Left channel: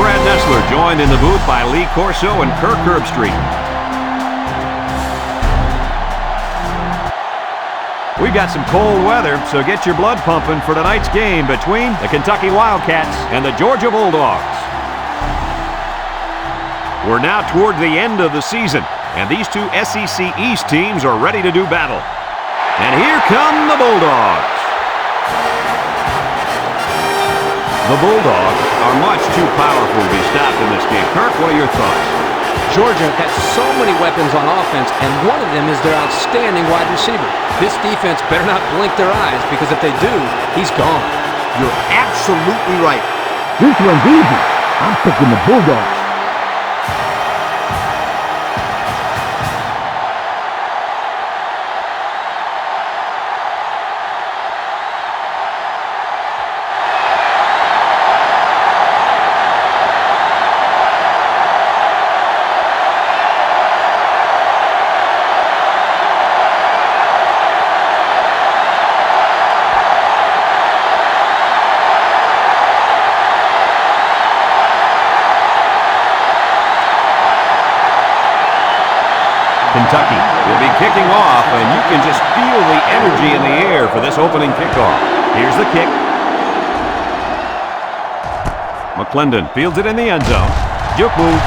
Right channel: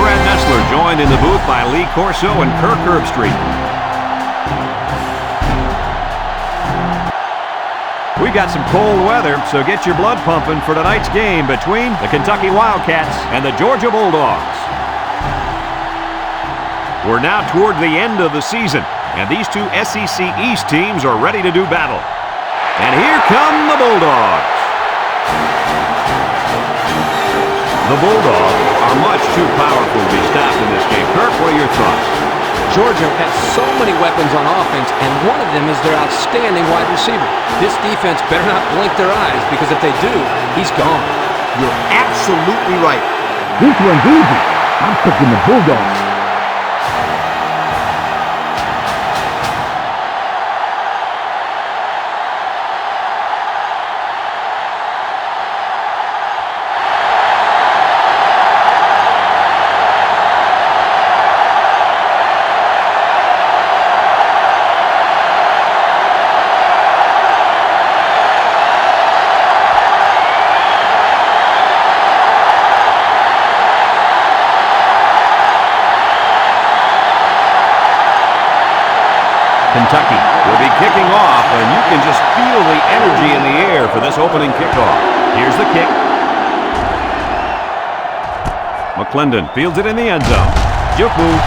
Brad Nessler, joined in the booth by Lee Corso and Kirk Herbstreit. We've got some cold weather, so get your blood pumping for tonight's game between the Kentucky Wildcats and the Georgia Bulldogs. We're now toward the end of the season, and these two SEC East teams are ready to do battle. And here come the Bulldogs. The Bulldogs are much too powerful to be stopped in this game. Kirk, what are your thoughts? Georgia has so many weapons on offense, and one of them is their outstanding wide receiver. This defense better not blink their eyes, because if they do, he's gone. You're absolutely right. This one's easy. I'm picking the Bulldogs. Kentucky will be kicking off, and you can just feel the energy in the air for this opening kickoff. Here's the kick. McClendon fields it in the end zone. Juke move.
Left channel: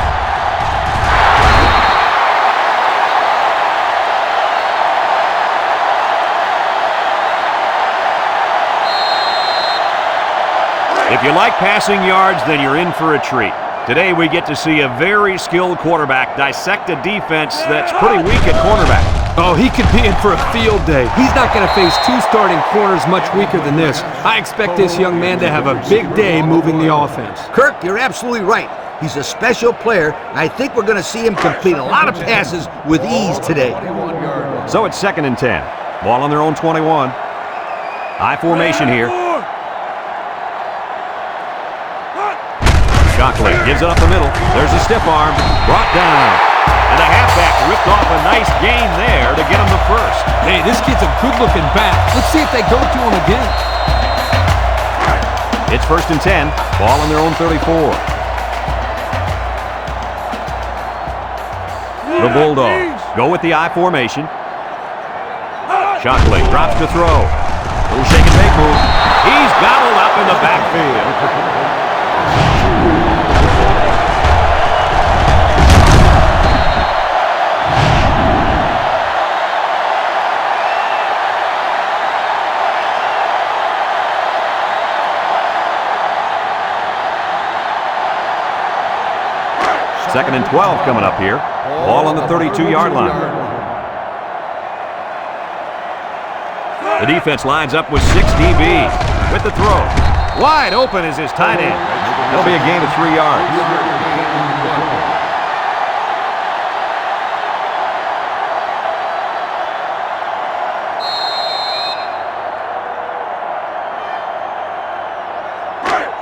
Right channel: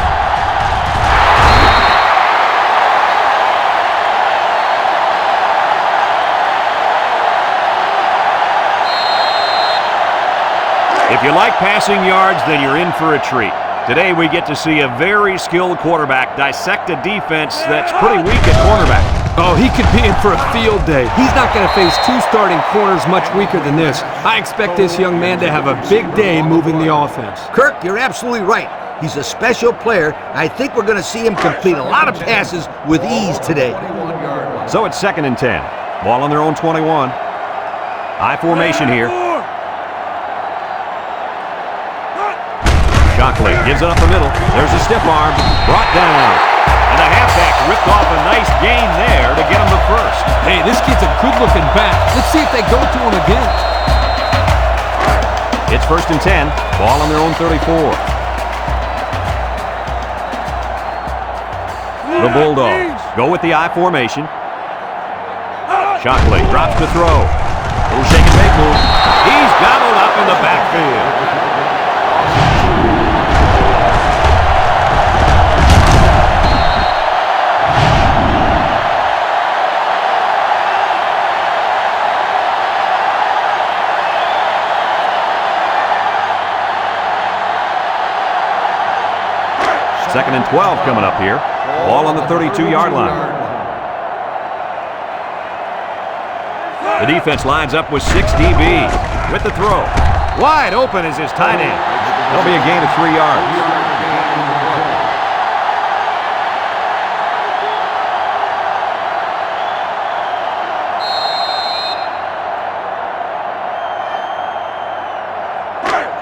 If you like passing yards, then you're in for a treat. Today we get to see a very skilled quarterback dissect a defense that's pretty weak at cornerback. Oh, he could be in for a field day. He's not going to face two starting corners much weaker than this. I expect this young man to have a big day moving the offense. Kirk, you're absolutely right. He's a special player. I think we're going to see him complete a lot of passes with ease today. So it's 2nd and 10. Ball on their own 21. I formation here. Shockley gives it up the middle. There's a stiff arm. Brought down. And the halfback ripped off a nice gain there to get him the first. Hey, this kid's a good-looking back. Let's see if they go to him again. It's 1st and 10. Ball on their own 34. The Bulldogs go with the I formation. Shockley drops to throw. Little shake and bake move. He's gobbled up in the backfield. Second and 12 coming up here. Ball on the 32-yard line. The defense lines up with 6 DBs with the throw. Wide open is his tight end. That'll be a gain of 3 yards.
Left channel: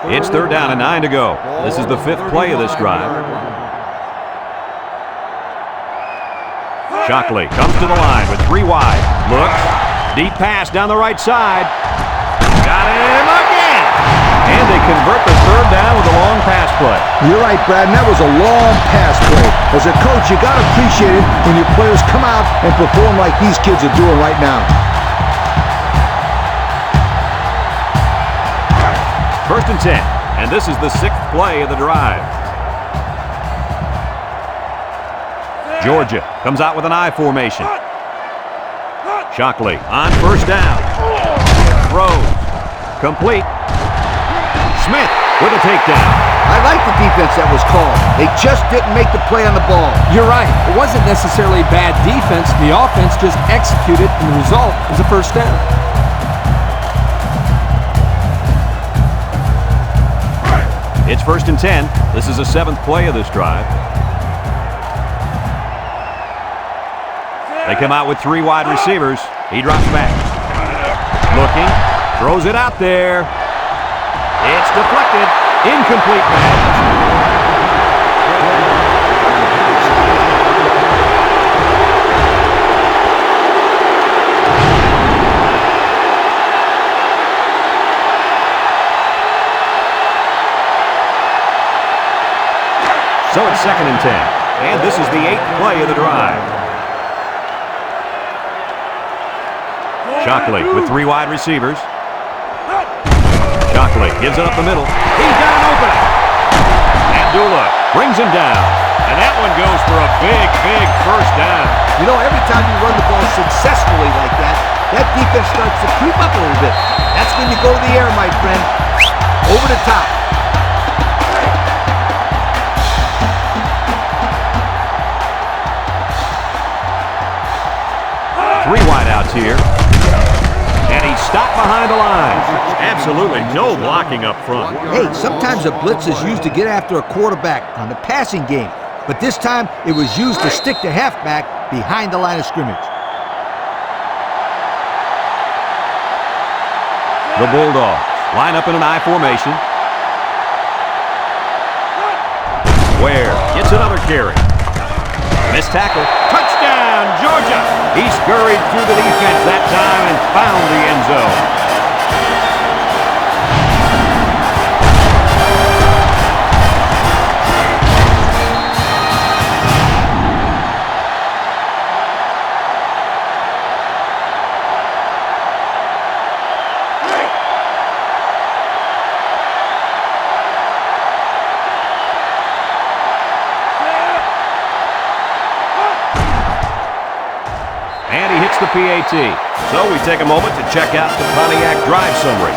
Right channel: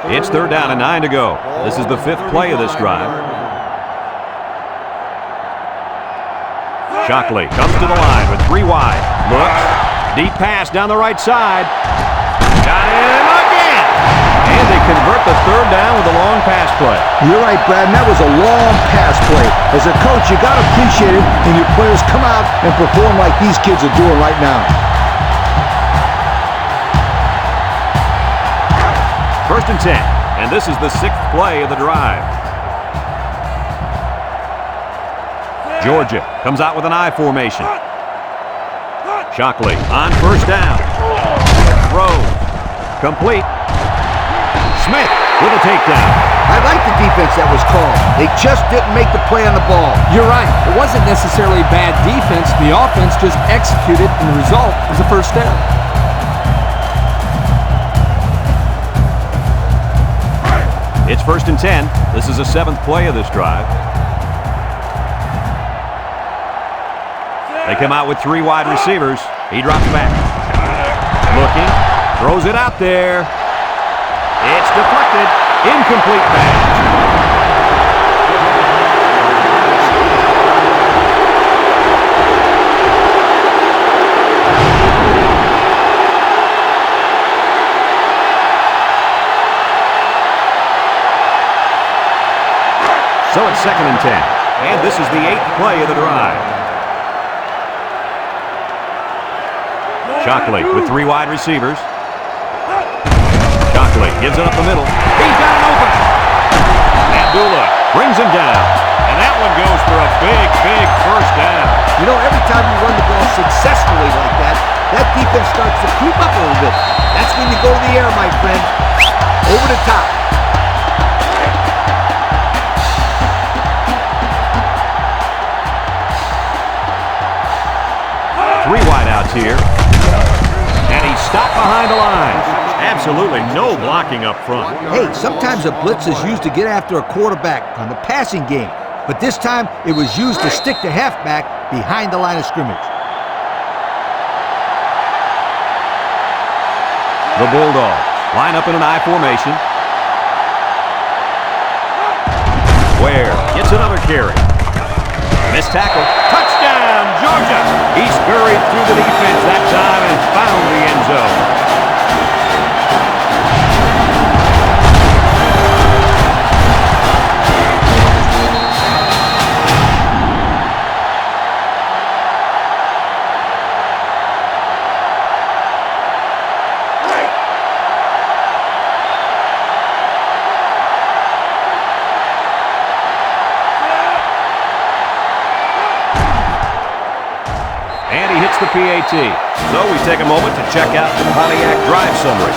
It's 3rd down and 9 to go. This is the 5th play of this drive. Shockley comes to the line with 3 wide. Looks. Deep pass down the right side. Got him again. And they convert the 3rd down with a long pass play. You're right, Brad, and that was a long pass play. As a coach, you got to appreciate it when your players come out and perform like these kids are doing right now. 1st and 10. And this is the 6th play of the drive. Georgia comes out with an I formation. Shockley on 1st down. Throws. Complete. Smith with a takedown. I like the defense that was called. They just didn't make the play on the ball. You're right. It wasn't necessarily bad defense. The offense just executed, and the result is a 1st down. It's 1st and 10. This is the 7th play of this drive. They come out with 3 wide receivers. He drops back. Looking. Throws it out there. It's deflected. Incomplete pass. So it's 2nd and 10. And this is the 8th play of the drive. Shockley with 3 wide receivers. Shockley gives it up the middle. He's got an opening. Abdullah brings him down. And that one goes for a big, big first down. You know, every time you run the ball successfully like that, that defense starts to creep up a little bit. That's when you go to the air, my friend. Over the top. Three wideouts here. And he's stopped behind the line. Absolutely no blocking up front. Hey, sometimes a blitz is used to get after a quarterback on the passing game. But this time, it was used to stick the halfback behind the line of scrimmage. The Bulldogs line up in an I formation. Ware gets another carry. Missed tackle. Touchdown, Georgia! He scurried through the defense that time and found the end zone. And he hits the PAT. So we take a moment to check out the Pontiac drive summary.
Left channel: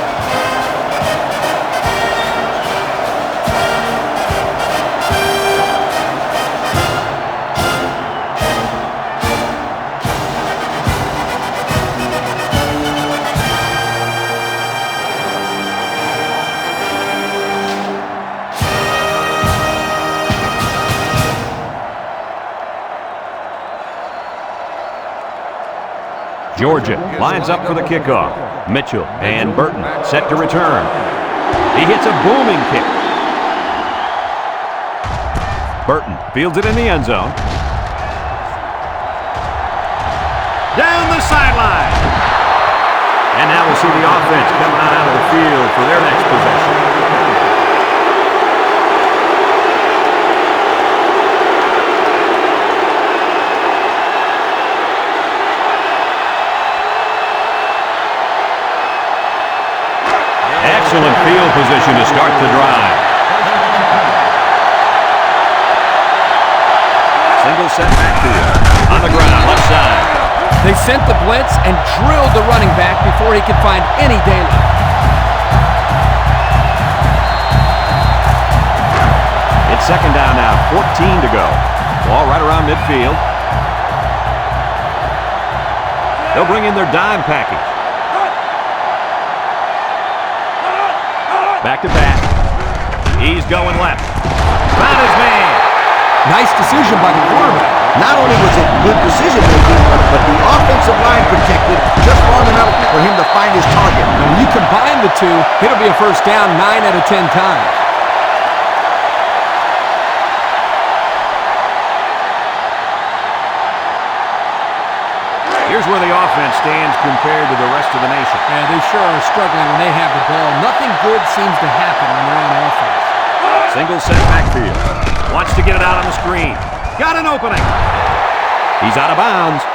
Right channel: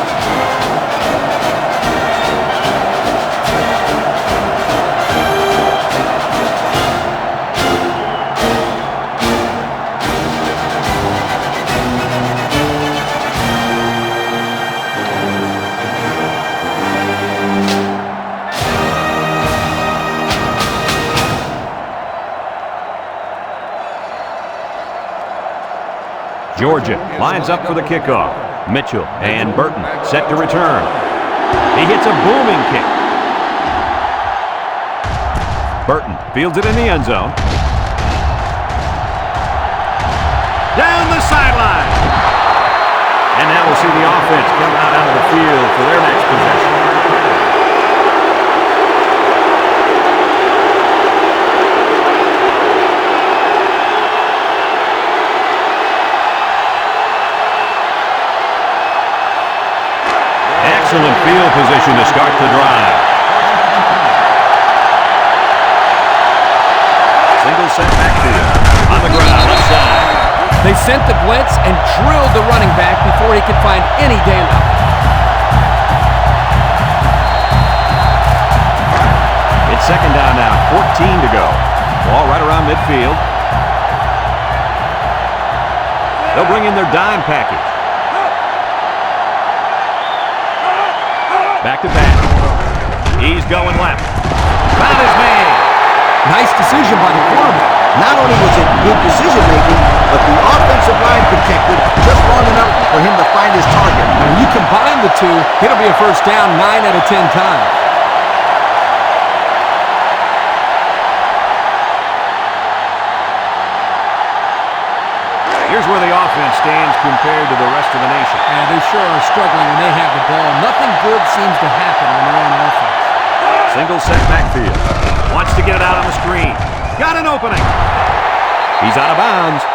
Georgia lines up for the kickoff. Mitchell and Burton set to return. He hits a booming kick. Burton fields it in the end zone. Down the sideline. And now we'll see the offense come out of the field for their next possession. Excellent field position to start the drive. Single set backfield. On the ground, left side. They sent the blitz and drilled the running back before he could find any daylight. It's 2nd down now, 14 to go. Ball right around midfield. They'll bring in their dime package. Back to pass. He's going left. Found his man. Nice decision by the quarterback. Not only was it good decision-making, but the offensive line protected just long enough for him to find his target. And when you combine the two, it'll be a first down 9 out of 10 times. Here's where the offense stands compared to the rest of the nation. Yeah, they sure are struggling when they have the ball. Nothing good seems to happen when they're on offense. Single set backfield. Wants to get it out on the screen. Got an opening. He's out of bounds.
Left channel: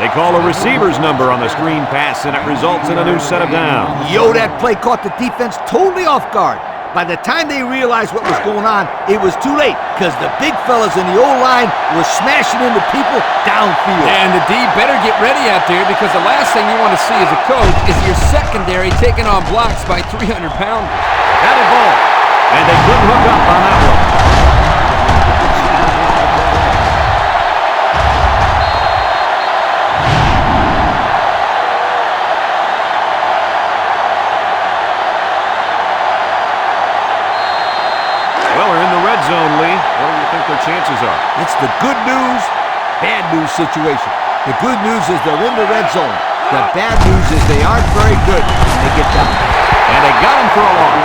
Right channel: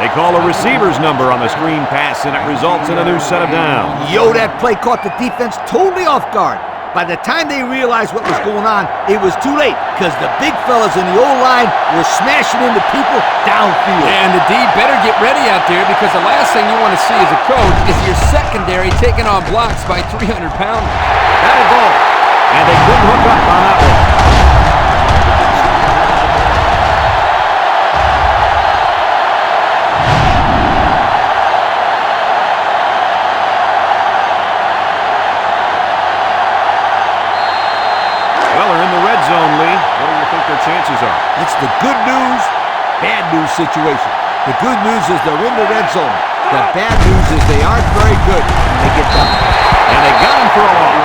They call a receiver's number on the screen pass, and it results in a new set of downs. Yo, that play caught the defense totally off guard. By the time they realized what was going on, it was too late because the big fellas in the O-line were smashing into people downfield. Yeah, and the D better get ready out there because the last thing you want to see as a coach is your secondary taking on blocks by 300-pounders. Batted ball. And they couldn't hook up on that one. Well, they're in the red zone, Lee. What do you think their chances are? It's the good news, bad news situation. The good news is they're in the red zone. The bad news is they aren't very good when they get down. And they got him for a loss.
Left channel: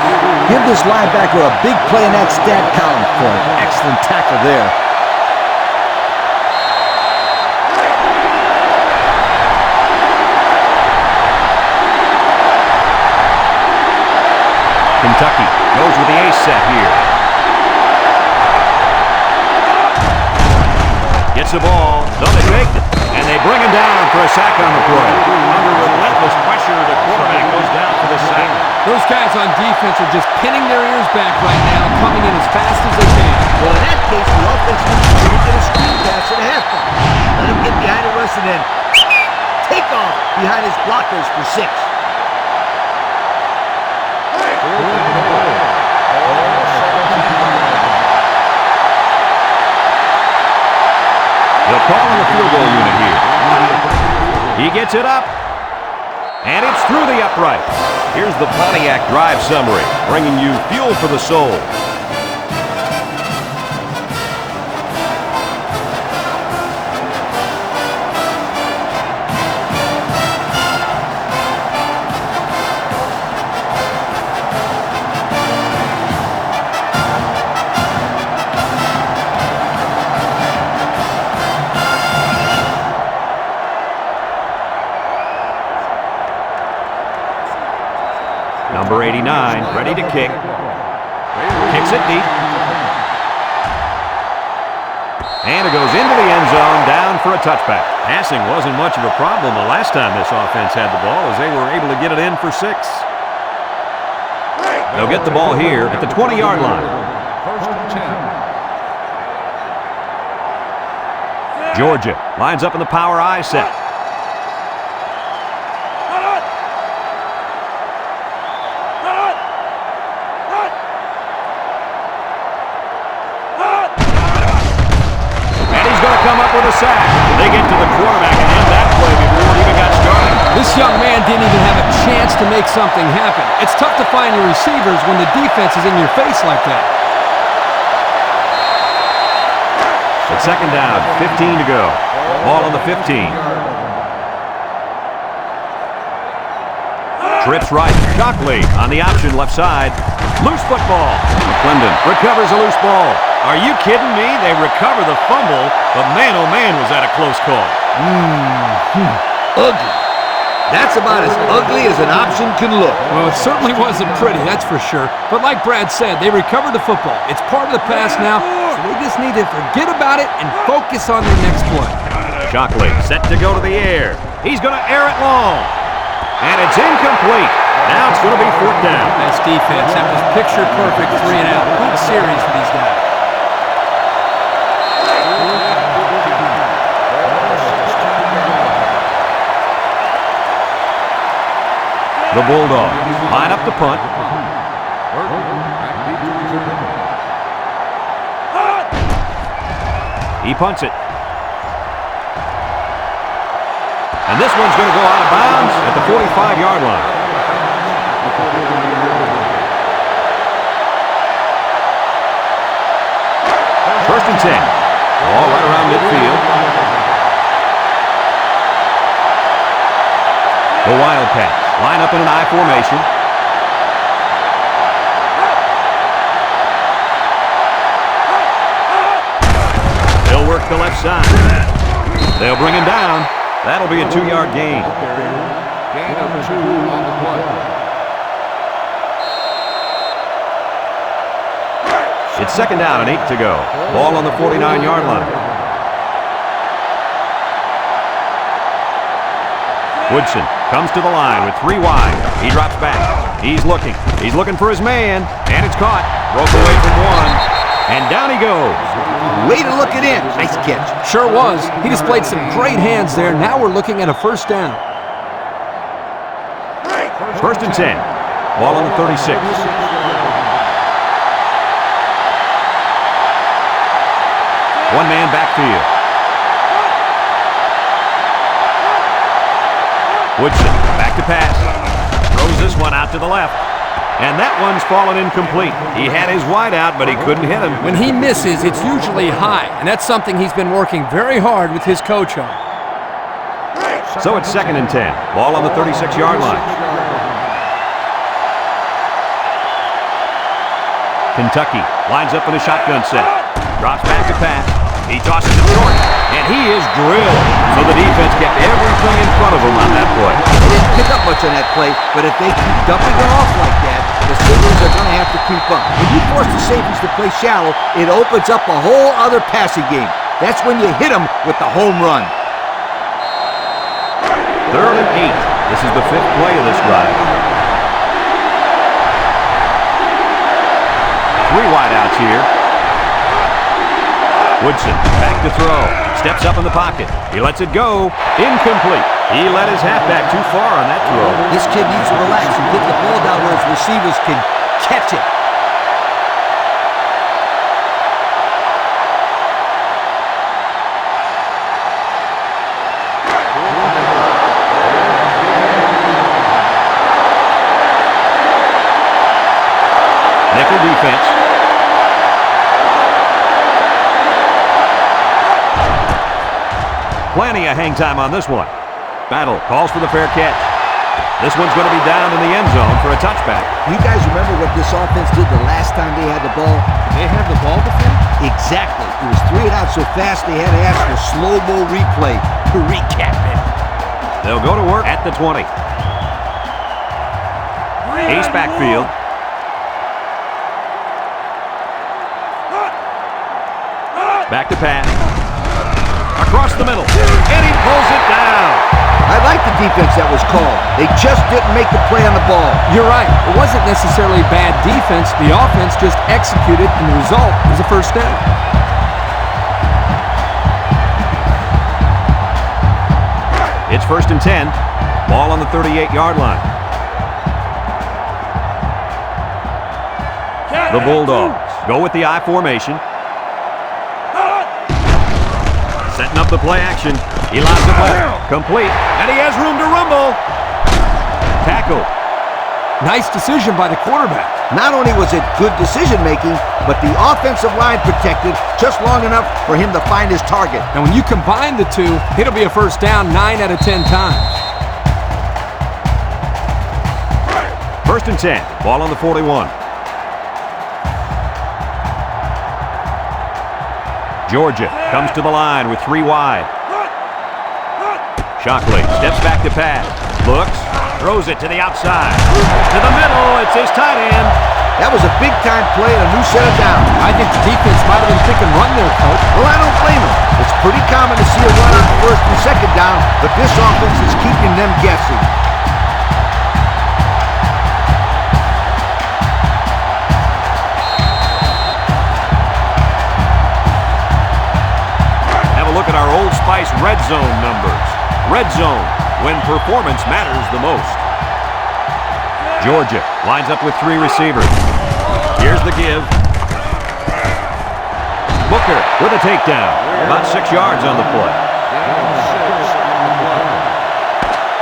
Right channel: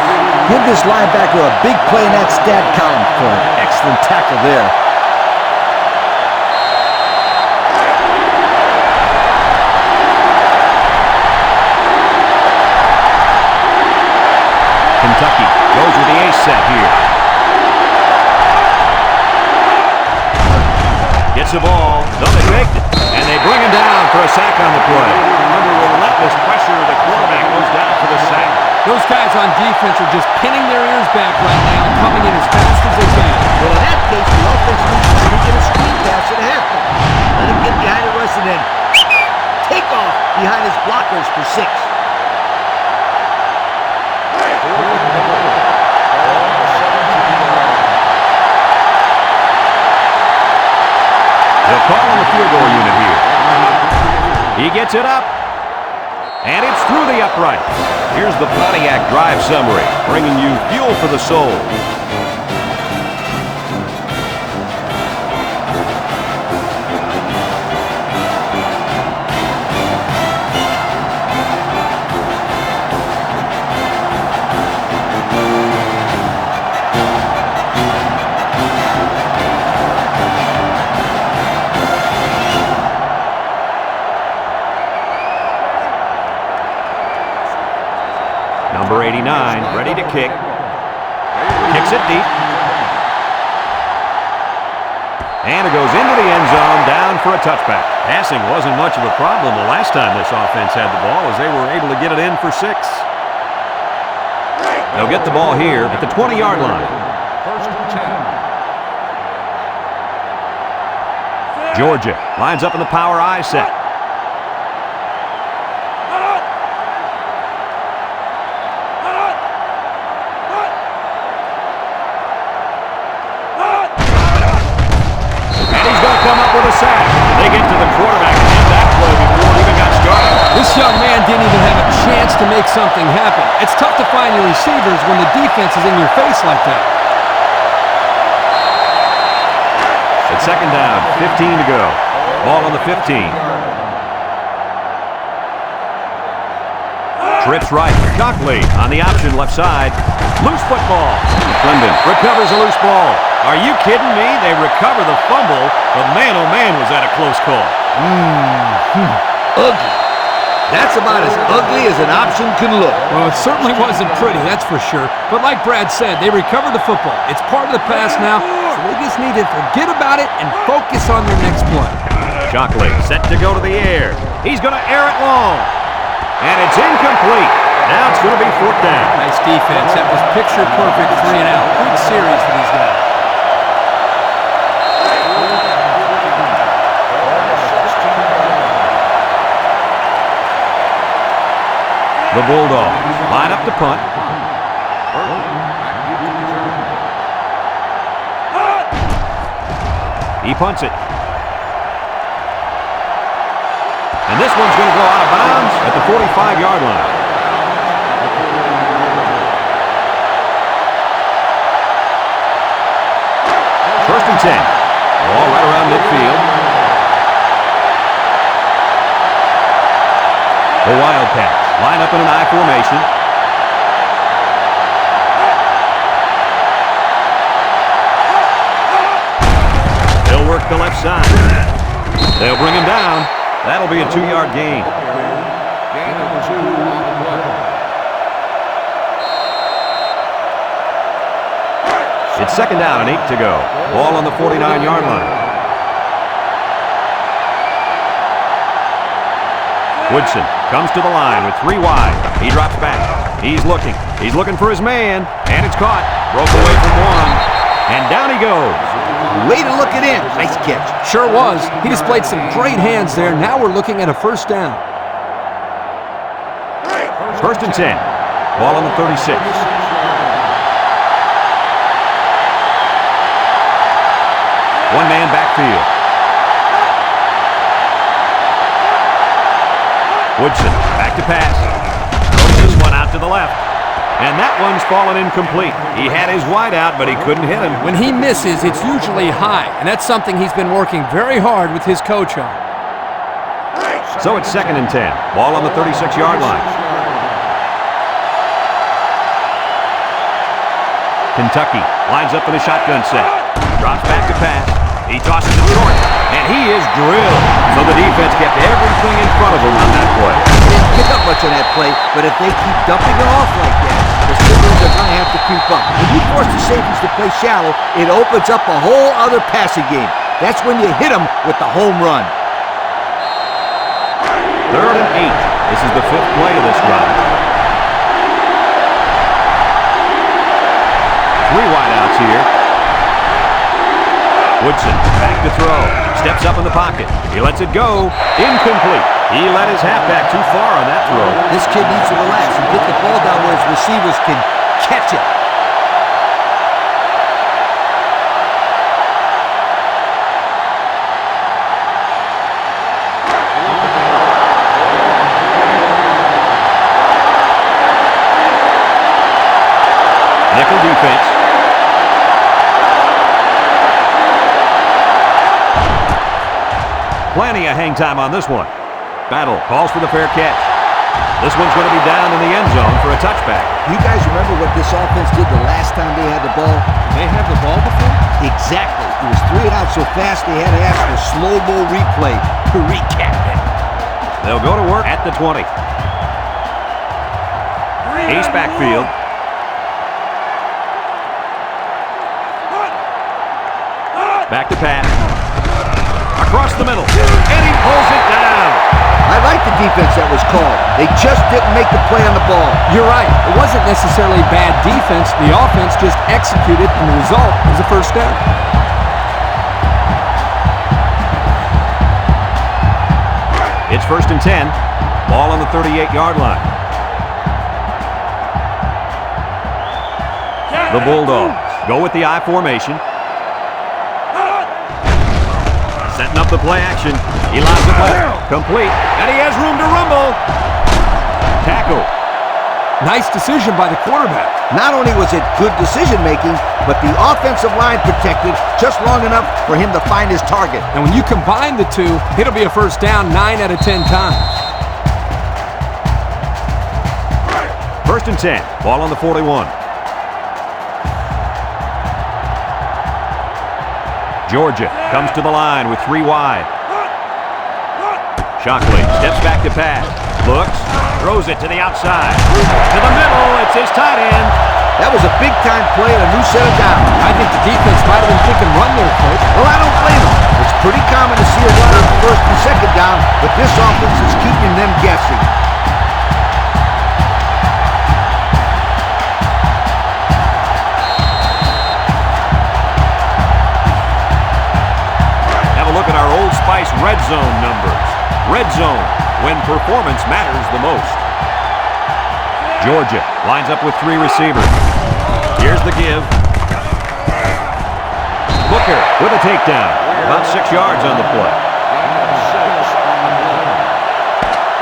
Give this linebacker a big play in that stat column for an excellent tackle there. Kentucky goes with the ace set here. gets the ball. No, they faked it. And they bring him down for a sack on the play. Under relentless pressure, the quarterback goes down for the sack. Those guys on defense are just pinning their ears back right now, coming in as fast as they can. Well, in that case, the offense needs to get a screen pass at halftime. Let him get behind the rush and then take off behind his blockers for 6. They'll call on the field goal unit here. He gets it up, and it's through the upright. Here's the Pontiac drive summary, bringing you fuel for the soul. Number 89, ready to kick. Kicks it deep. And it goes into the end zone, down for a touchback. Passing wasn't much of a problem the last time this offense had the ball, as they were able to get it in for 6. They'll get the ball here at the 20-yard line. First and 10. Georgia lines up in the power I set. Come up with a sack. They get to the quarterback and end that play before it even got started. This young man didn't even have a chance to make something happen. It's tough to find your receivers when the defense is in your face like that. It's second down, 15 to go. Ball on the 15. Trips right. Shockley on the option left side. Loose football. McClendon recovers a loose ball. Are you kidding me? They recover the fumble, but man, oh man, was that a close call. Ugly. That's about as ugly as an option can look. Well, it certainly wasn't pretty, that's for sure. But like Brad said, they recovered the football. It's part of the pass now, so they just need to forget about it and focus on their next play. Shockley set to go to the air. He's going to air it long. And it's incomplete. Now it's going to be 4th down. Nice defense. That was picture-perfect 3 and out. Good series for these guys. The Bulldogs line up to punt. Back deep to return. He punts it. And this one's going to go out of bounds at the 45-yard line. First and 10. Ball right around midfield. The Wildcats line up in an I formation. They'll work the left side. They'll bring him down. That'll be a 2-yard gain. Gain of 2 on the play. It's second down and 8 to go. Ball on the 49-yard line. Woodson comes to the line with 3 wide. He drops back. He's looking. He's looking for his man. And it's caught. Broke away from 1. And down he goes. Way to look it in. Nice catch. Sure was. He displayed some great hands there. Now we're looking at a first down. First and 10. Ball on the 36. One man backfield. Woodson back to pass. Throws this one out to the left. And that one's fallen incomplete. He had his wide out, but he couldn't hit him. When he misses, it's usually high, and that's something he's been working very hard with his coach on. So it's second and 10. Ball on the 36-yard line. Kentucky lines up in a shotgun set. Drops back to pass. He tosses it short, and he is drilled. So the defense kept everything in front of him on that play. They didn't pick up much on that play, but if they keep dumping it off like that, the Steelers are going to have to creep up. When you force the safeties to play shallow, it opens up a whole other passing game. That's when you hit them with the home run. 3rd and 8. This is the 5th play of this drive. 3 wideouts here. Woodson back to throw. Steps up in the pocket. He lets it go. Incomplete. He let his halfback too far on that throw. This kid needs to relax and get the ball down where his receivers can catch it. Nickel defense. Plenty of hang time on this one. Battle calls for the fair catch. This one's going to be down in the end zone for a touchback. You guys remember what this offense did the last time they had the ball? Did they have the ball before? Exactly. It was 3 and out so fast they had to ask for slow-mo replay to recap it. They'll go to work at the 20. Ace backfield. Back to pass. Across the middle. And he pulls it down. I like the defense that was called. They just didn't make the play on the ball. You're right. It wasn't necessarily bad defense. The offense just executed, and the result was a first down. It's 1st and 10. Ball on the 38-yard line. The Bulldogs go with the I formation. Setting up the play action. He lobs it well. Complete. And he has room to rumble. Tackle. Nice decision by the quarterback. Not only was it good decision-making, but the offensive line protected just long enough for him to find his target. And when you combine the two, it'll be a first down 9 out of 10 times. 1st and 10. Ball on the 41. Georgia comes to the line with 3 wide. Shockley steps back to pass. Looks, throws it to the outside. To the middle, it's his tight end. That was a big-time play and a new set of downs. I think the defense might have been thinking run there, Coach. Well, I don't blame him. It's pretty common to see a run on 1st and 2nd down, but this offense is keeping them guessing. Look at our Old Spice red zone numbers. Red zone, when performance matters the most. Georgia lines up with 3 receivers. Here's the give. Booker with a takedown. About 6 yards on the play. Gain of 6 on the play.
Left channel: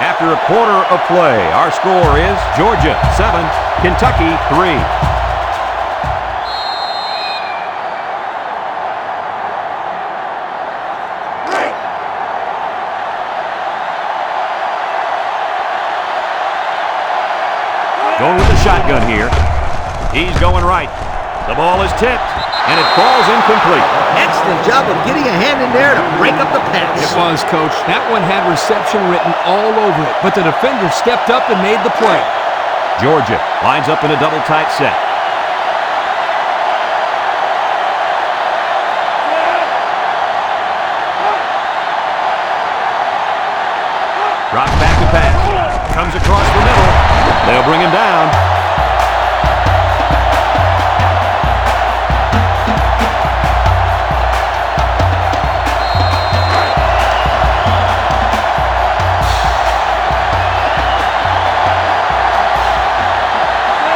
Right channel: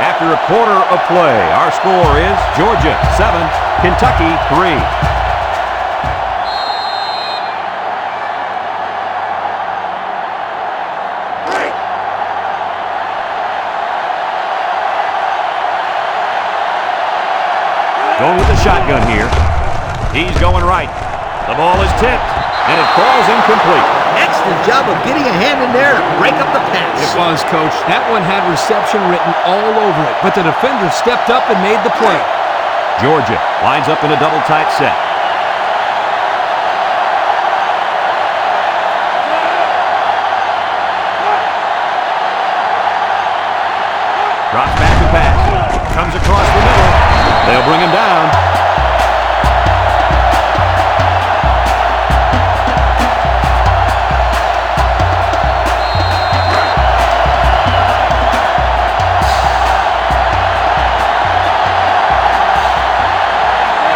After a quarter of play, our score is Georgia 7, Kentucky 3. Going with the shotgun here. He's going right. The ball is tipped, and it falls incomplete. Excellent job of getting a hand in there to break up the pass. It was, Coach. That one had reception written all over it, but the defender stepped up and made the play. Georgia lines up in a double tight set. Drops back to pass. Comes across the middle. They'll bring him down.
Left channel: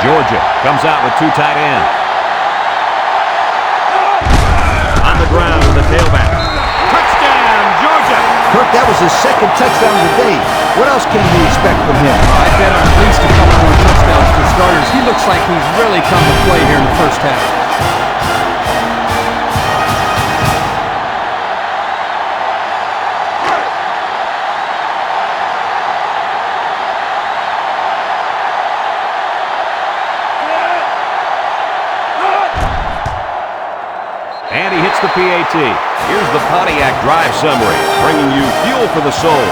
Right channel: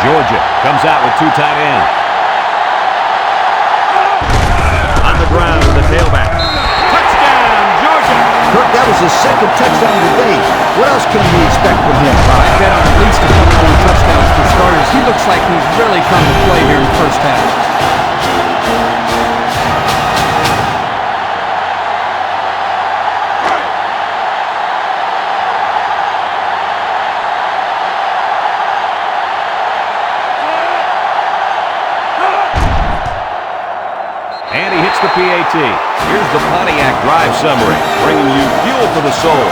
Georgia comes out with 2 tight ends. On the ground with the tailback. Touchdown, Georgia! Kirk, that was his 2nd touchdown of the day. What else can we expect from him? Well, I bet on at least a couple more touchdowns for starters. He looks like he's really come to play here in the first half. And he hits the PAT. Here's the Pontiac Drive Summary, bringing you fuel for the soul.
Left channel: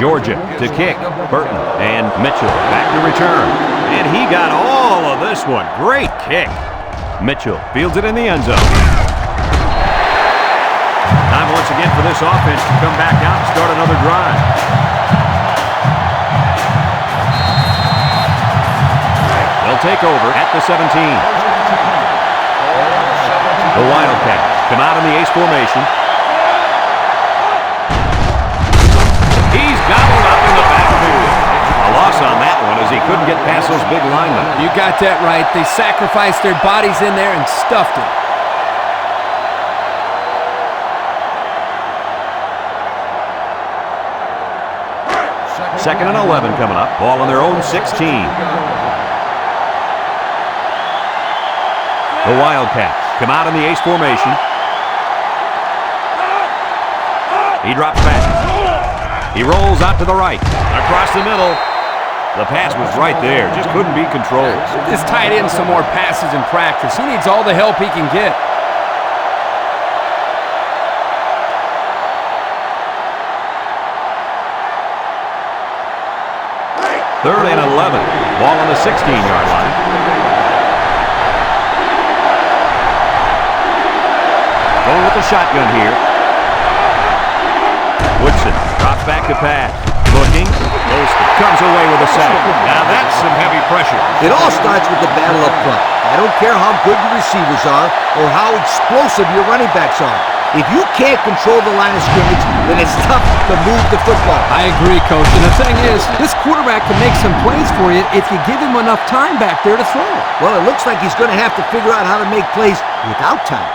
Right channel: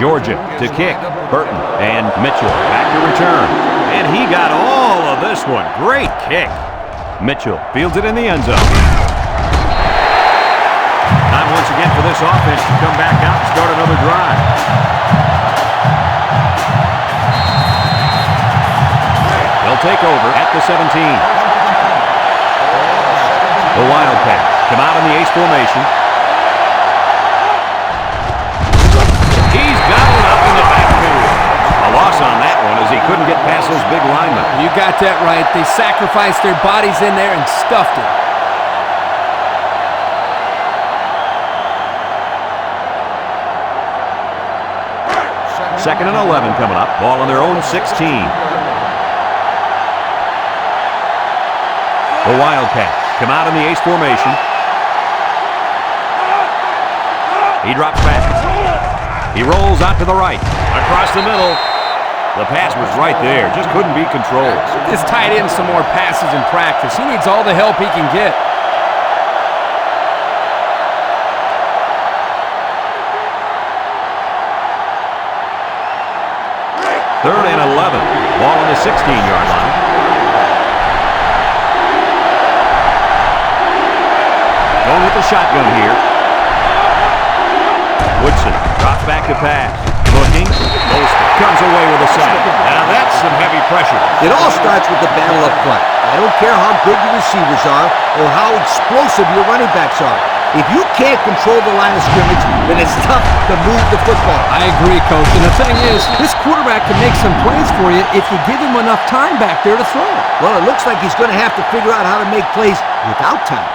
Georgia to kick. Burton and Mitchell back to return. And he got all of this one. Great kick. Mitchell fields it in the end zone. Time once again for this offense to come back out and start another drive. They'll take over at the 17. The Wildcats come out in the ace formation. He's gobbled up in the backfield. A loss on that one as he couldn't get past those big linemen. You got that right. They sacrificed their bodies in there and stuffed it. Second and 11 coming up. Ball on their own 16. The Wildcats come out in the ace formation. He drops back. He rolls out to the right. Across the middle. The pass was right there. Just couldn't be controlled. This tight end some more passes in practice. He needs all the help he can get. Third and 11. Ball on the 16-yard line. Going with the shotgun here. Woodson drops back to pass. Looking. Golston comes away with a sack. Now that's some heavy pressure. It all starts with the battle up front. I don't care how good your receivers are or how explosive your running backs are. If you can't control the line of scrimmage, then it's tough to move the football. I agree, Coach. And the thing is, this quarterback can make some plays for you if you give him enough time back there to throw. Well, it looks like he's going to have to figure out how to make plays without time.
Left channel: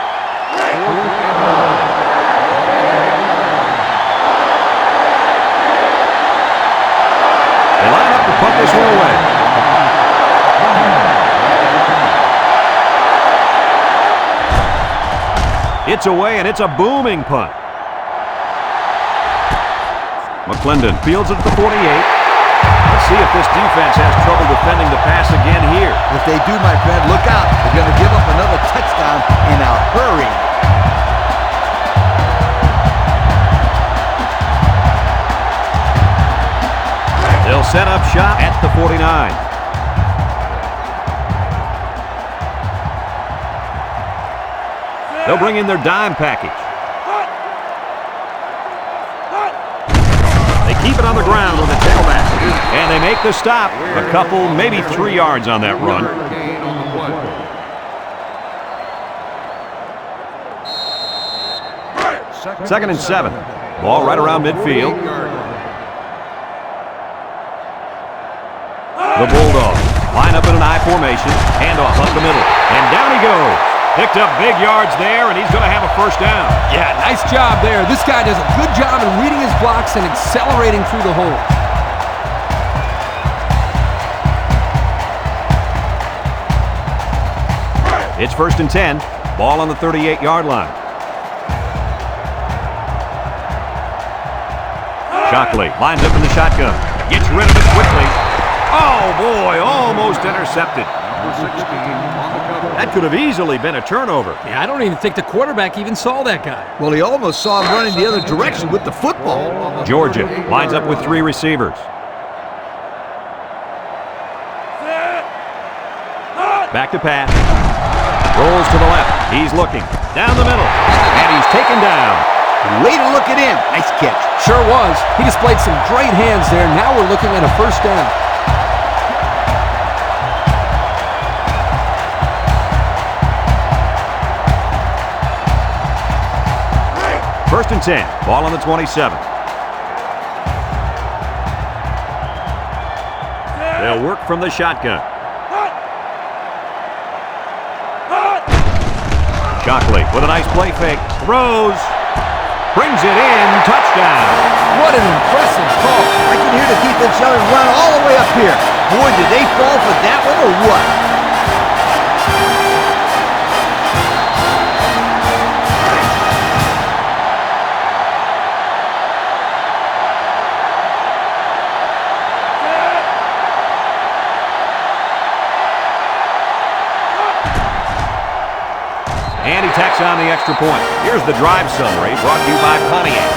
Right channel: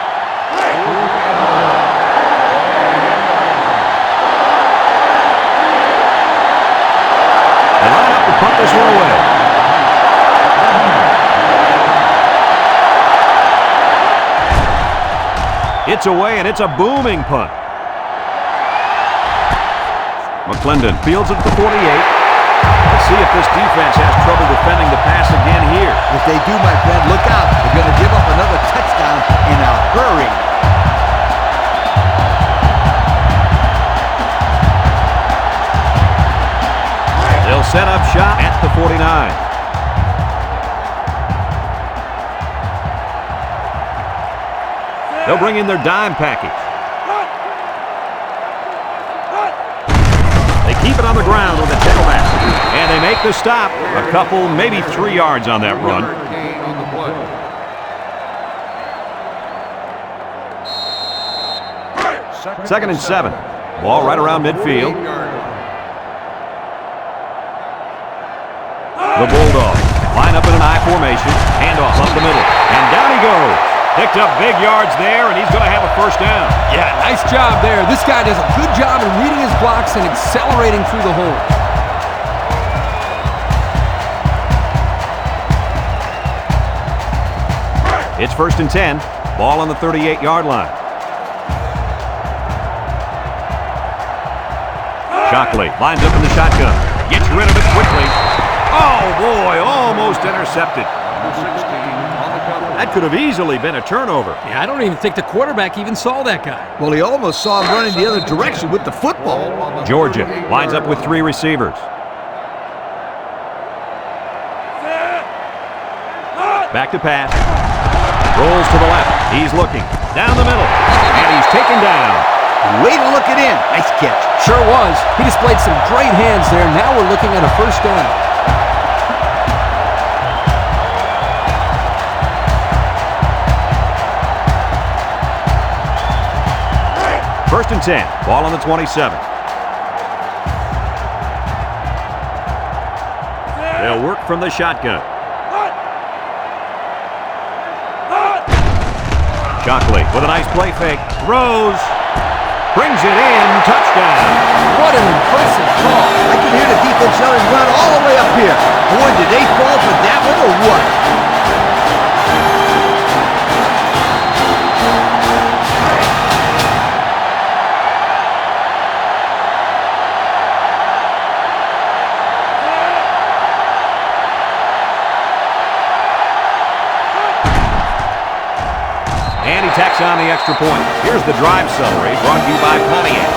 They line up to punt this one away. It's away, and it's a booming punt. McClendon fields it at the 48. Let's see if this defense has trouble defending the pass again here. If they do, my friend, look out. They're going to give up another touchdown in a hurry. They'll set up shop at the 49. They'll bring in their dime package. They keep it on the ground with the tailback. And they make the stop. A couple, maybe 3 yards on that run. Second and 7. Ball right around midfield. The Bulldogs line up in an I formation. Handoff up the middle. And down he goes. Picked up big yards there, and he's going to have a first down. Yeah, nice job there. This guy does a good job in reading his blocks and accelerating through the hole. It's first and 10. Ball on the 38-yard line. Shockley lines up in the shotgun. Gets rid of it quickly. Oh, boy, almost intercepted. Number 16 on the cover. That could have easily been a turnover. Yeah, I don't even think the quarterback even saw that guy. Well, he almost saw him running the other direction with the football. Georgia lines up with 3 receivers. Back to pass. Rolls to the left. He's looking. Down the middle. And he's taken down. Way to look it in. Nice catch. Sure was. He displayed some great hands there. Now we're looking at a first down. First and 10. Ball on the 27. They'll work from the shotgun. Shockley with a nice play fake. Throws. Brings it in. Touchdown. What an impressive call. I can hear the defense yelling, run all the way up here. Boy, did they fall for that one or what? And he tacks on the extra point. Here's the drive summary brought to you by Pontiac.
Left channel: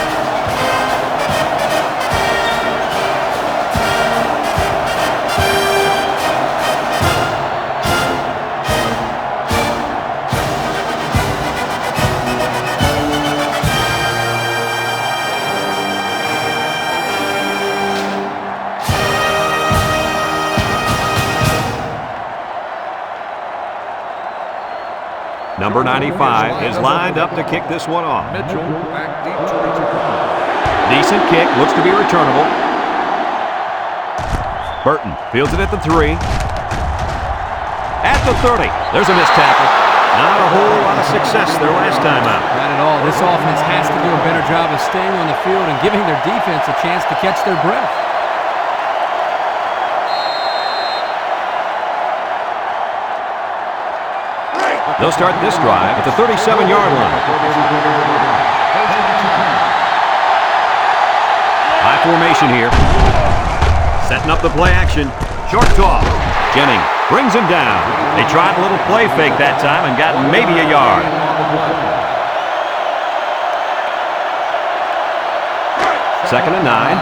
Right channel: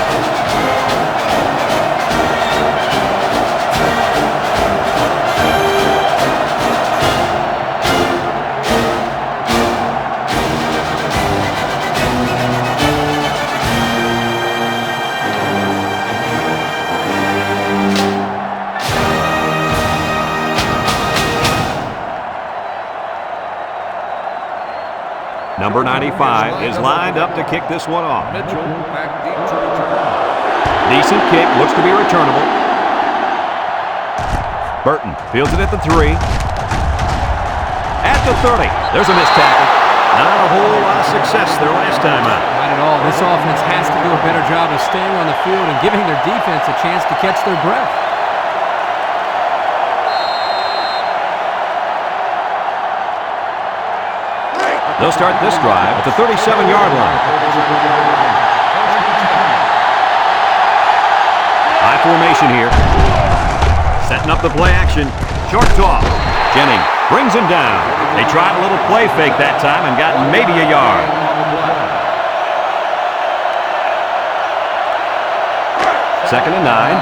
Number 95 is lined up to kick this one off. Mitchell back deep to return. Decent kick, looks to be returnable. Burton fields it at the 3. At the 30, there's a missed tackle. Not a whole lot of success their last time out. Not at all. This offense has to do a better job of staying on the field and giving their defense a chance to catch their breath. They'll start this drive at the 37-yard line. High formation here. Setting up the play action. Short toss. Jennings brings him down. They tried a little play fake that time and got maybe a yard. Second and 9.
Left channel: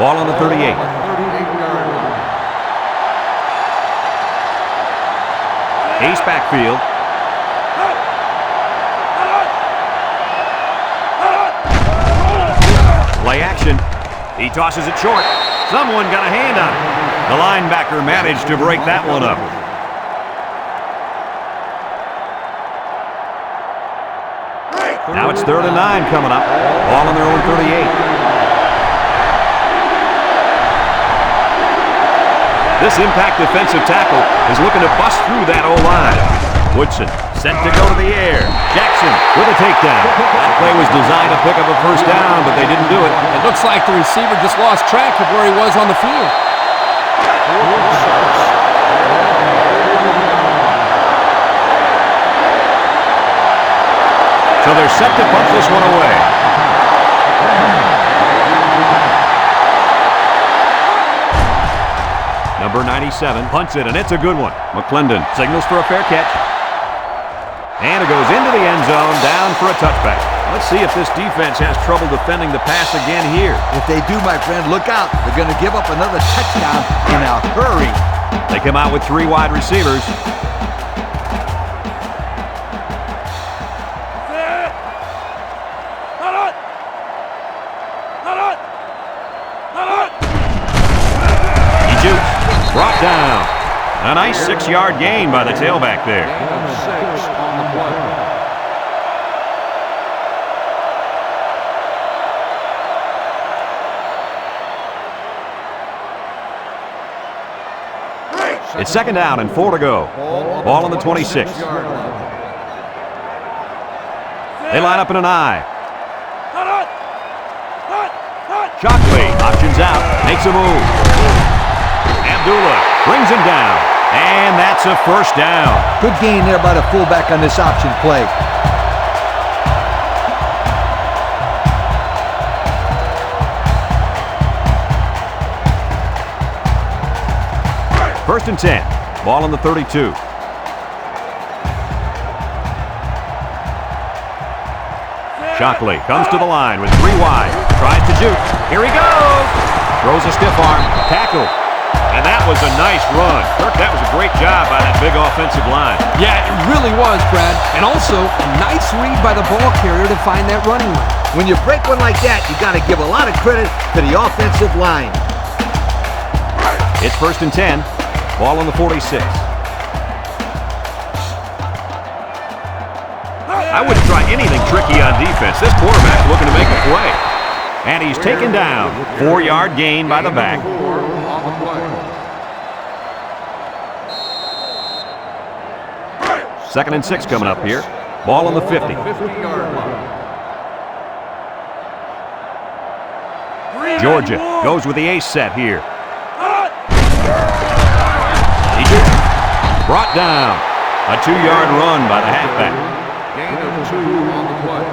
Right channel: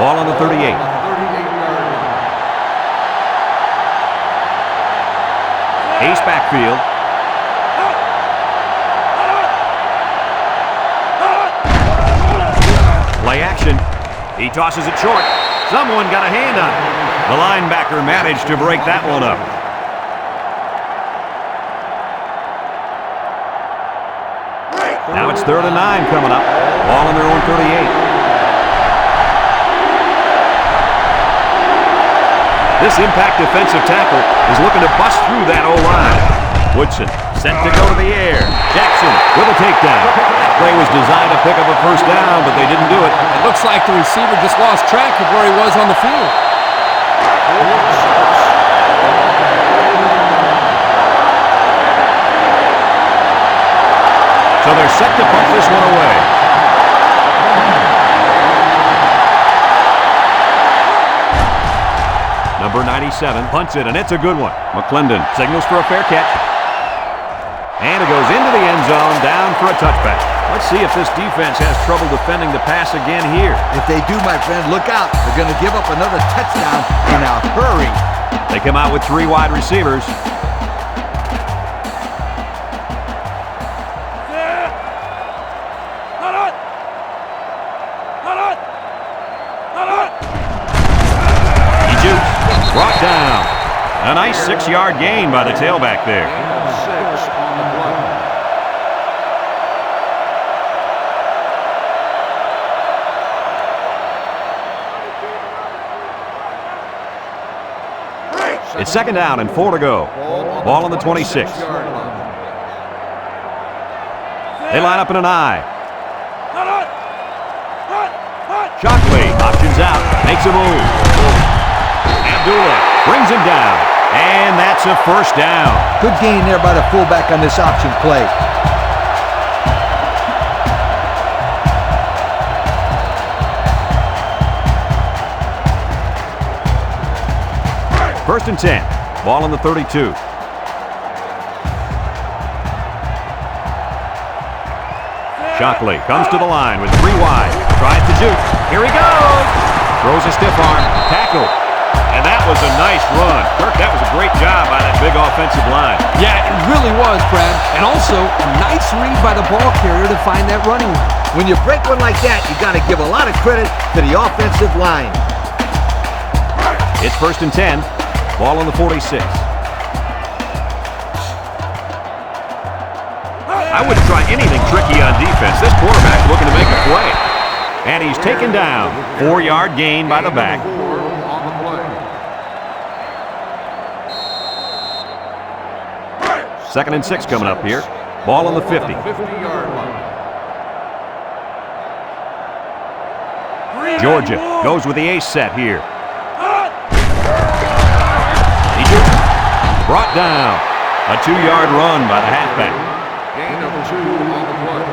Ball on the 38. 38-yard line. Ace backfield. Play action. He tosses it short. Someone got a hand on it. The linebacker managed to break that one up. Now it's 3rd and 9 coming up. Ball on their own 38. This impact defensive tackle is looking to bust through that O-line. Woodson set to go to the air. Jackson with a takedown. That play was designed to pick up a first down, but they didn't do it. It looks like the receiver just lost track of where he was on the field. So they're set to punt this one away. Number 97 punts it, and it's a good one. McClendon signals for a fair catch. And it goes into the end zone, down for a touchback. Let's see if this defense has trouble defending the pass again here. If they do, my friend, look out. They're going to give up another touchdown in a hurry. They come out with 3 wide receivers. He jukes. Brought down. A nice 6-yard gain by the tailback there. Gain of 6 on the play. It's 2nd down and 4 to go. Ball on the 26. They line up in an I. Shockley options out, makes a move. Abdullah brings him down, and that's a first down. Good gain there by the fullback on this option play. First and 10. Ball on the 32. Shockley comes to the line with 3 wide. Tries to juke. Here he goes. Throws a stiff arm. Tackle. And that was a nice run. Kirk, that was a great job by that big offensive line. Yeah, it really was, Brad. And also, a nice read by the ball carrier to find that running lane. When you break one like that, you got to give a lot of credit to the offensive line. It's 1st and 10. Ball on the 46. I wouldn't try anything tricky on defense. This quarterback's looking to make a play. And he's taken down. 4-yard gain by the back. 4 on the play. 2nd and 6 coming up here. Ball on the 50. 50-yard line. Georgia goes with the ace set here. He just brought down. A 2-yard run by the halfback. Gain of 2 on the play.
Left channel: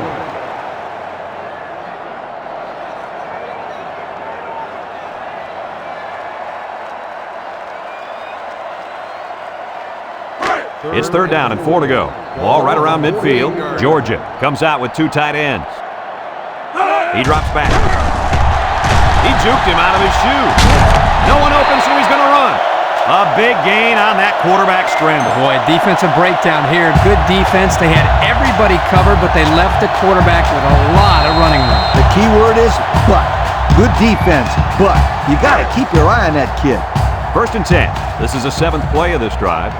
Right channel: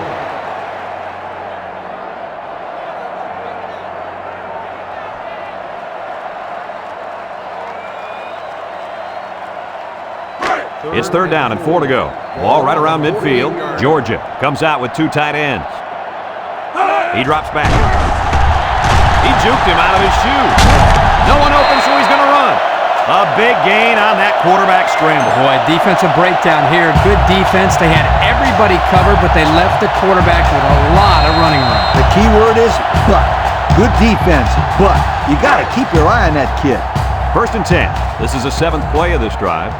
It's 3rd down and 4 to go. Ball right around midfield. Georgia comes out with 2 tight ends. He drops back. He juked him out of his shoe. No one open, so he's going to run. A big gain on that quarterback scramble. Boy, defensive breakdown here. Good defense. They had everybody covered, but they left the quarterback with a lot of running room. The key word is but. Good defense, but you got to keep your eye on that kid. 1st and 10. This is the 7th play of this drive.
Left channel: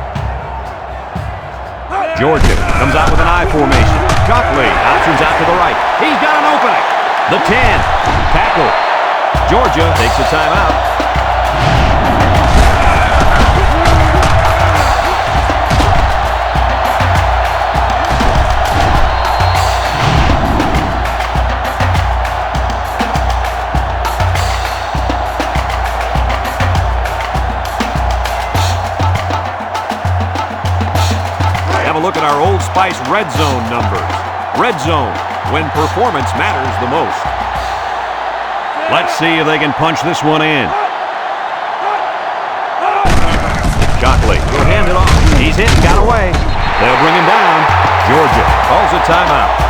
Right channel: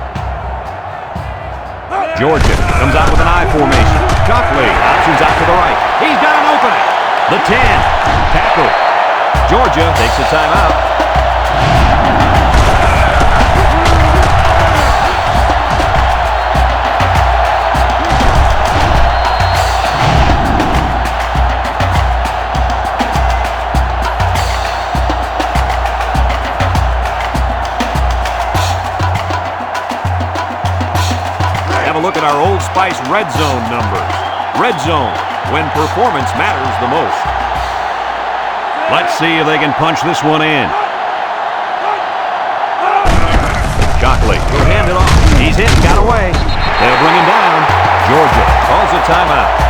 Georgia comes out with an I formation. Shockley options out to the right. He's got an opening. The 10. Tackle. Georgia takes a timeout. Have a look at our Old Spice red zone numbers. Red zone, when performance matters the most. Let's see if they can punch this one in. Shockley will hand it off. He's hit, got away. They'll bring him down. Georgia calls a timeout.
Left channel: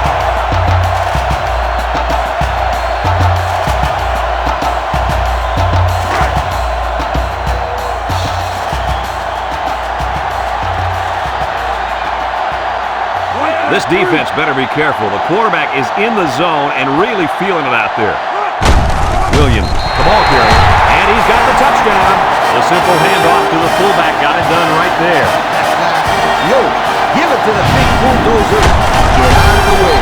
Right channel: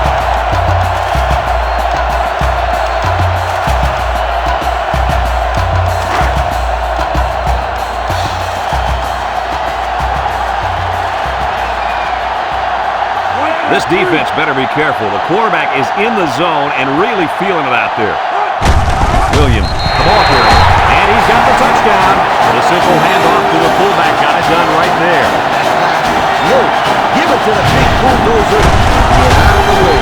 This defense better be careful. The quarterback is in the zone and really feeling it out there. Williams, the ball carrier, and he's got the touchdown. The simple handoff to the fullback got it done right there. Yo, give it to the big bulldozer. Get out of the way.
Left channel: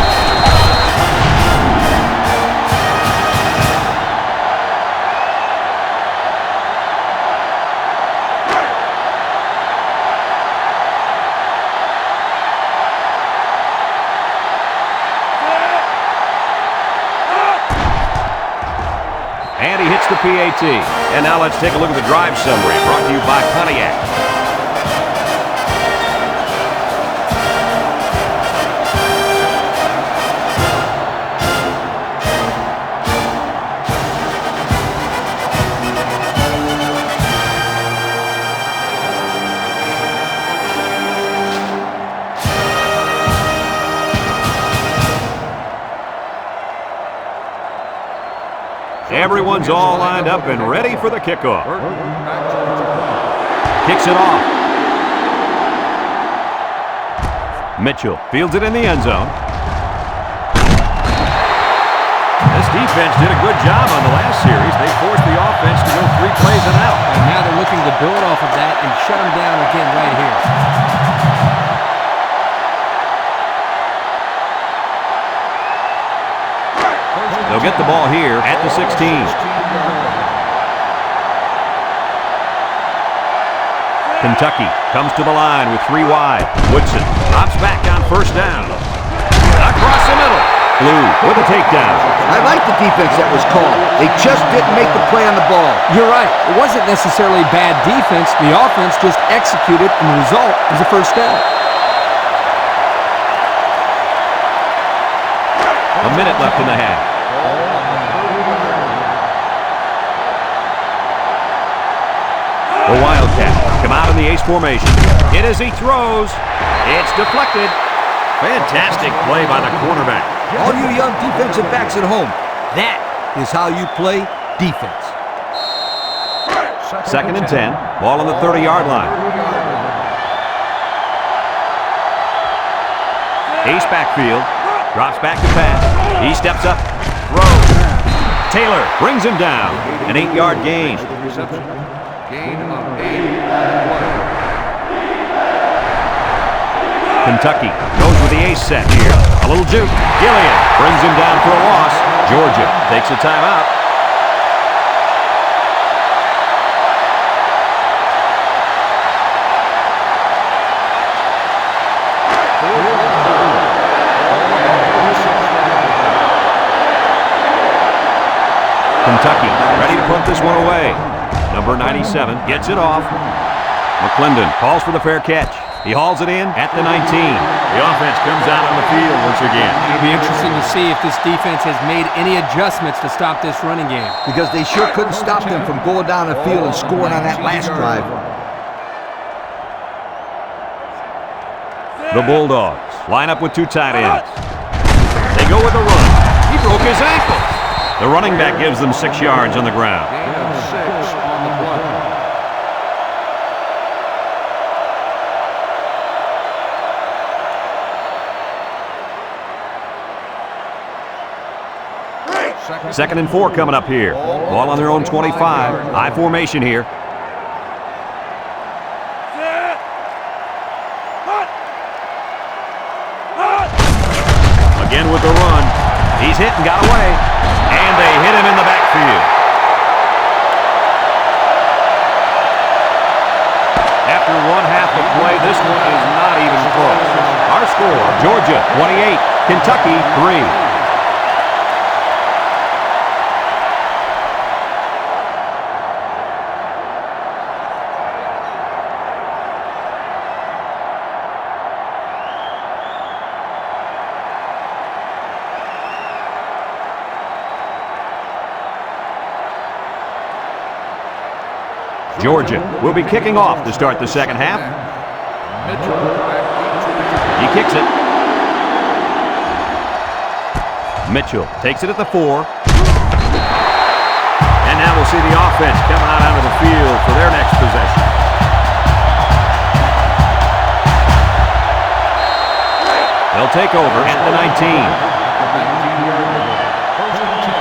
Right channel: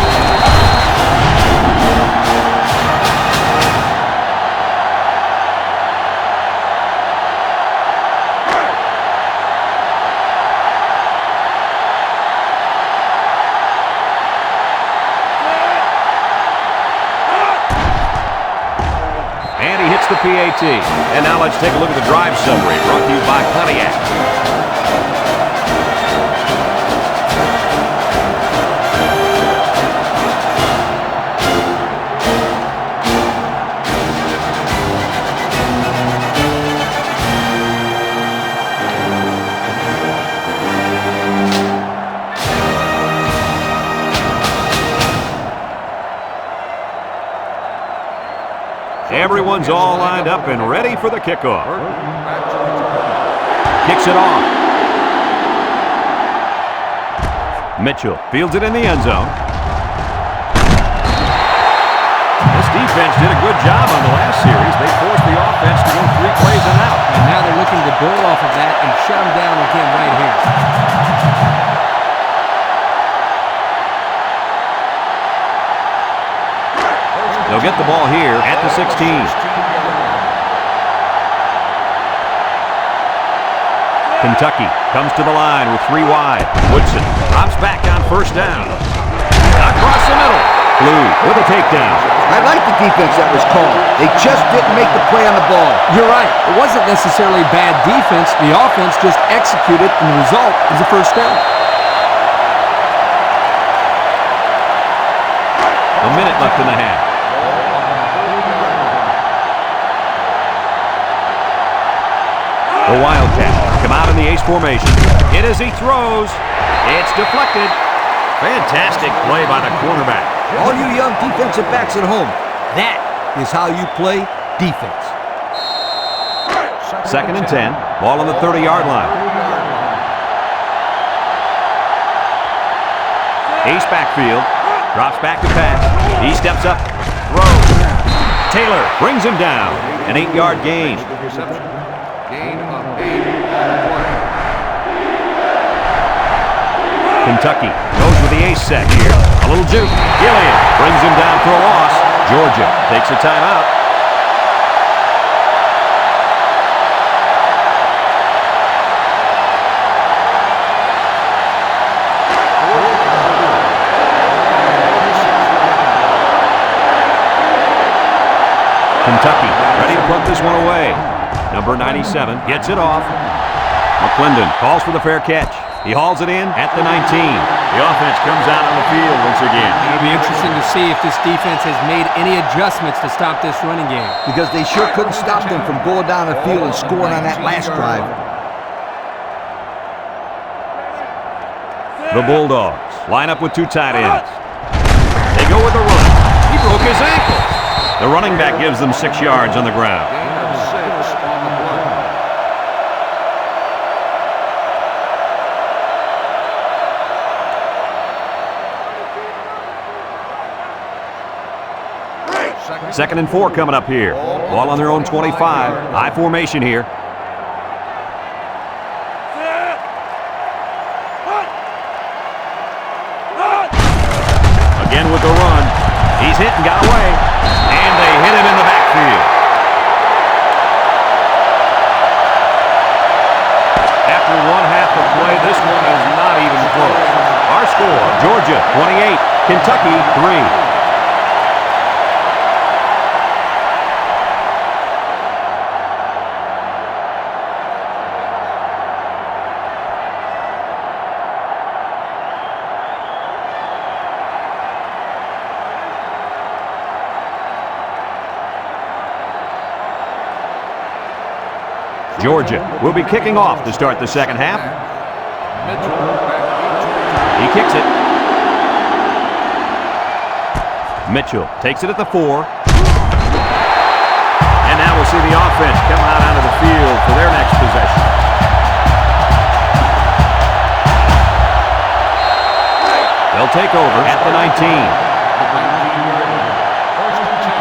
And he hits the PAT. And now let's take a look at the drive summary brought to you by Pontiac. Everyone's all lined up and ready for the kickoff. Burton back to return. Kicks it off. Mitchell fields it in the end zone. This defense did a good job on the last series. They forced the offense to go 3 plays and out. And now they're looking to build off of that and shut them down again right here. They'll get the ball here at the 16. Kentucky comes to the line with 3 wide. Woodson drops back on first down. Across the middle. Blue with a takedown. I like the defense that was called. They just didn't make the play on the ball. You're right. It wasn't necessarily bad defense. The offense just executed, and the result is a first down. A minute left in the half. The Wildcats come out in the ace formation. Hit as he throws. It's deflected. Fantastic play by the cornerback. All you young defensive backs at home, that is how you play defense. Second and 10. Ball on the 30-yard line. Ace backfield. Drops back to pass. He steps up. Throws. Taylor brings him down. An 8-yard gain. The reception. Gain of 8 on the play. Kentucky goes with the ace set here. A little juke. Gillian brings him down for a loss. Georgia takes a timeout. Kentucky ready to punt this one away. Number 97 gets it off. McClendon calls for the fair catch. He hauls it in at the 19. The offense comes out on the field once again. It'll be interesting to see if this defense has made any adjustments to stop this running game. Because they sure couldn't stop them from going down the field and scoring on that last drive. The Bulldogs line up with 2 tight ends. They go with a run. He broke his ankles. The running back gives them 6 yards on the ground. Gain of 6 on the play. Second and 4 coming up here. Ball on their own 25. I formation here. Again with the run. He's hit and got away. And they hit him in the backfield. After one half of play, this one is not even close. Our score, Georgia 28, Kentucky 3. Georgia will be kicking off to start the second half. Mitchell back deep to return. He kicks it. Mitchell takes it at the 4. And now we'll see the offense come out onto the field for their next possession. They'll take over at the 19. At the 19-yard line. First and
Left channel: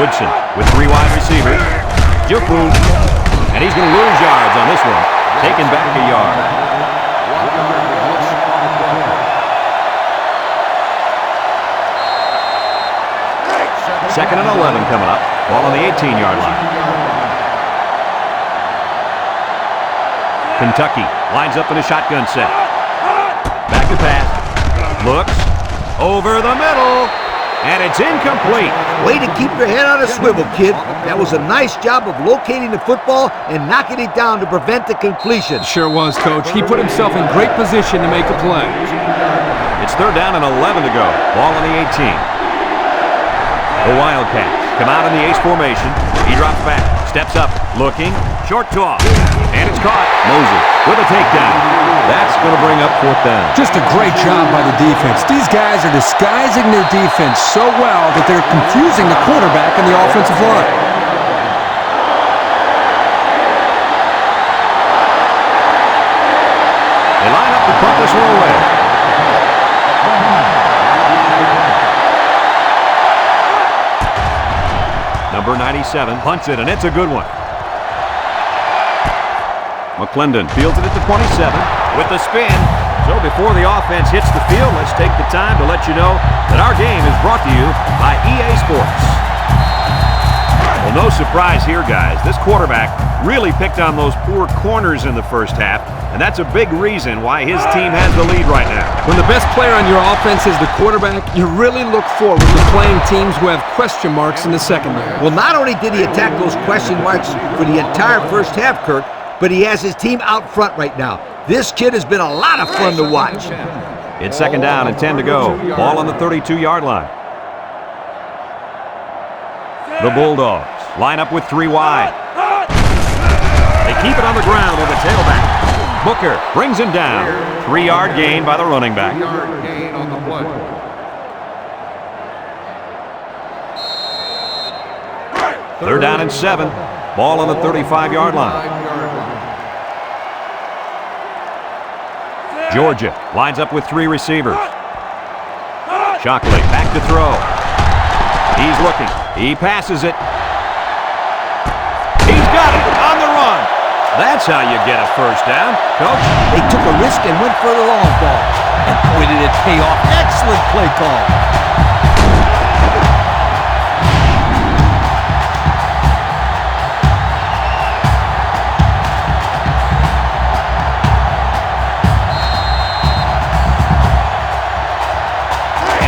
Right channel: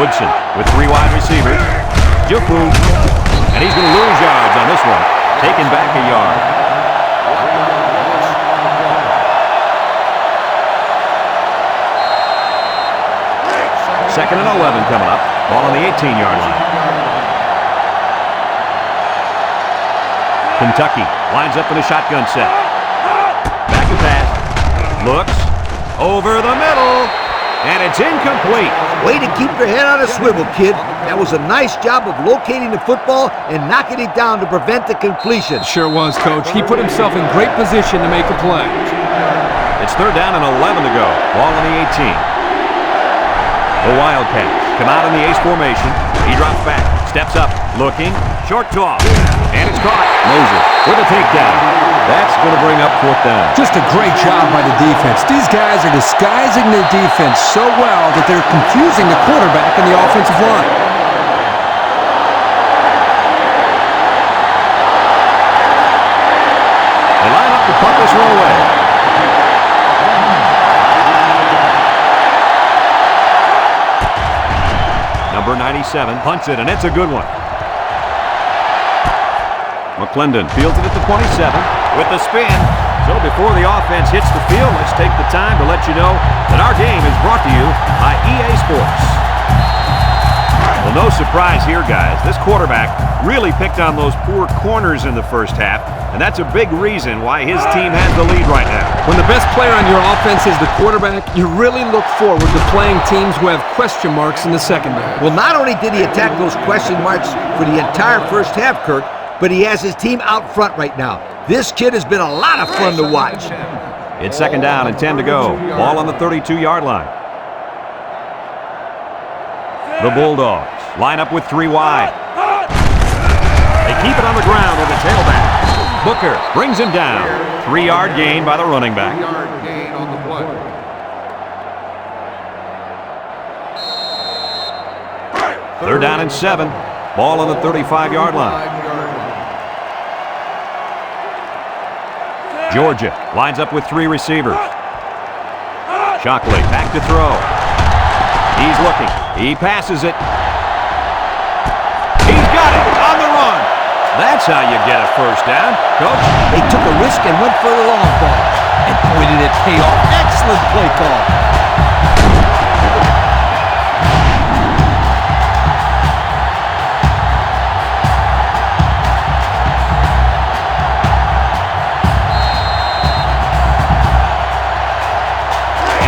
10. Woodson with 3 wide receivers. Jupu. And he's going to lose yards on this one. Taken back a yard. 1-yard loss on the play. Second and 11 coming up. Ball on the 18-yard line. Kentucky lines up in a shotgun set. Back to pass. Looks. Over the middle. And it's incomplete. Way to keep your head on a swivel, kid. That was a nice job of locating the football and knocking it down to prevent the completion. Sure was, Coach. He put himself in great position to make a play. It's third down and 11 to go. Ball on the 18. The Wildcats come out in the ace formation. He drops back, steps up, looking, short toss, and it's caught. Moses with a takedown. That's going to bring up fourth down. Just a great job by the defense. These guys are disguising their defense so well that they're confusing the quarterback and the offensive line. They line up to punt this one away. Number 97 punts it, and it's a good one. McClendon fields it at the 27 with the spin. So before the offense hits the field, let's take the time to let you know that our game is brought to you by EA Sports. Well, no surprise here, guys. This quarterback really picked on those poor corners in the first half, and that's a big reason why his team has the lead right now. When the best player on your offense is the quarterback, you really look forward to playing teams who have question marks in the secondary. Well, not only did he attack those question marks for the entire first half, Kirk, but he has his team out front right now. This kid has been a lot of fun to watch. It's second down and 10 to go. Ball on the 32-yard line. The Bulldogs line up with 3 wide. They keep it on the ground with the tailback. Booker brings him down. 3-yard gain by the running back. 3-yard gain on the play. Third down and 7. Ball on the 35-yard line. Georgia lines up with 3 receivers. Shockley back to throw. He's looking. He passes it. He's got it on the run. That's how you get a first down, Coach. They took a risk and went for the long ball. And boy, did it pay off. Excellent play call.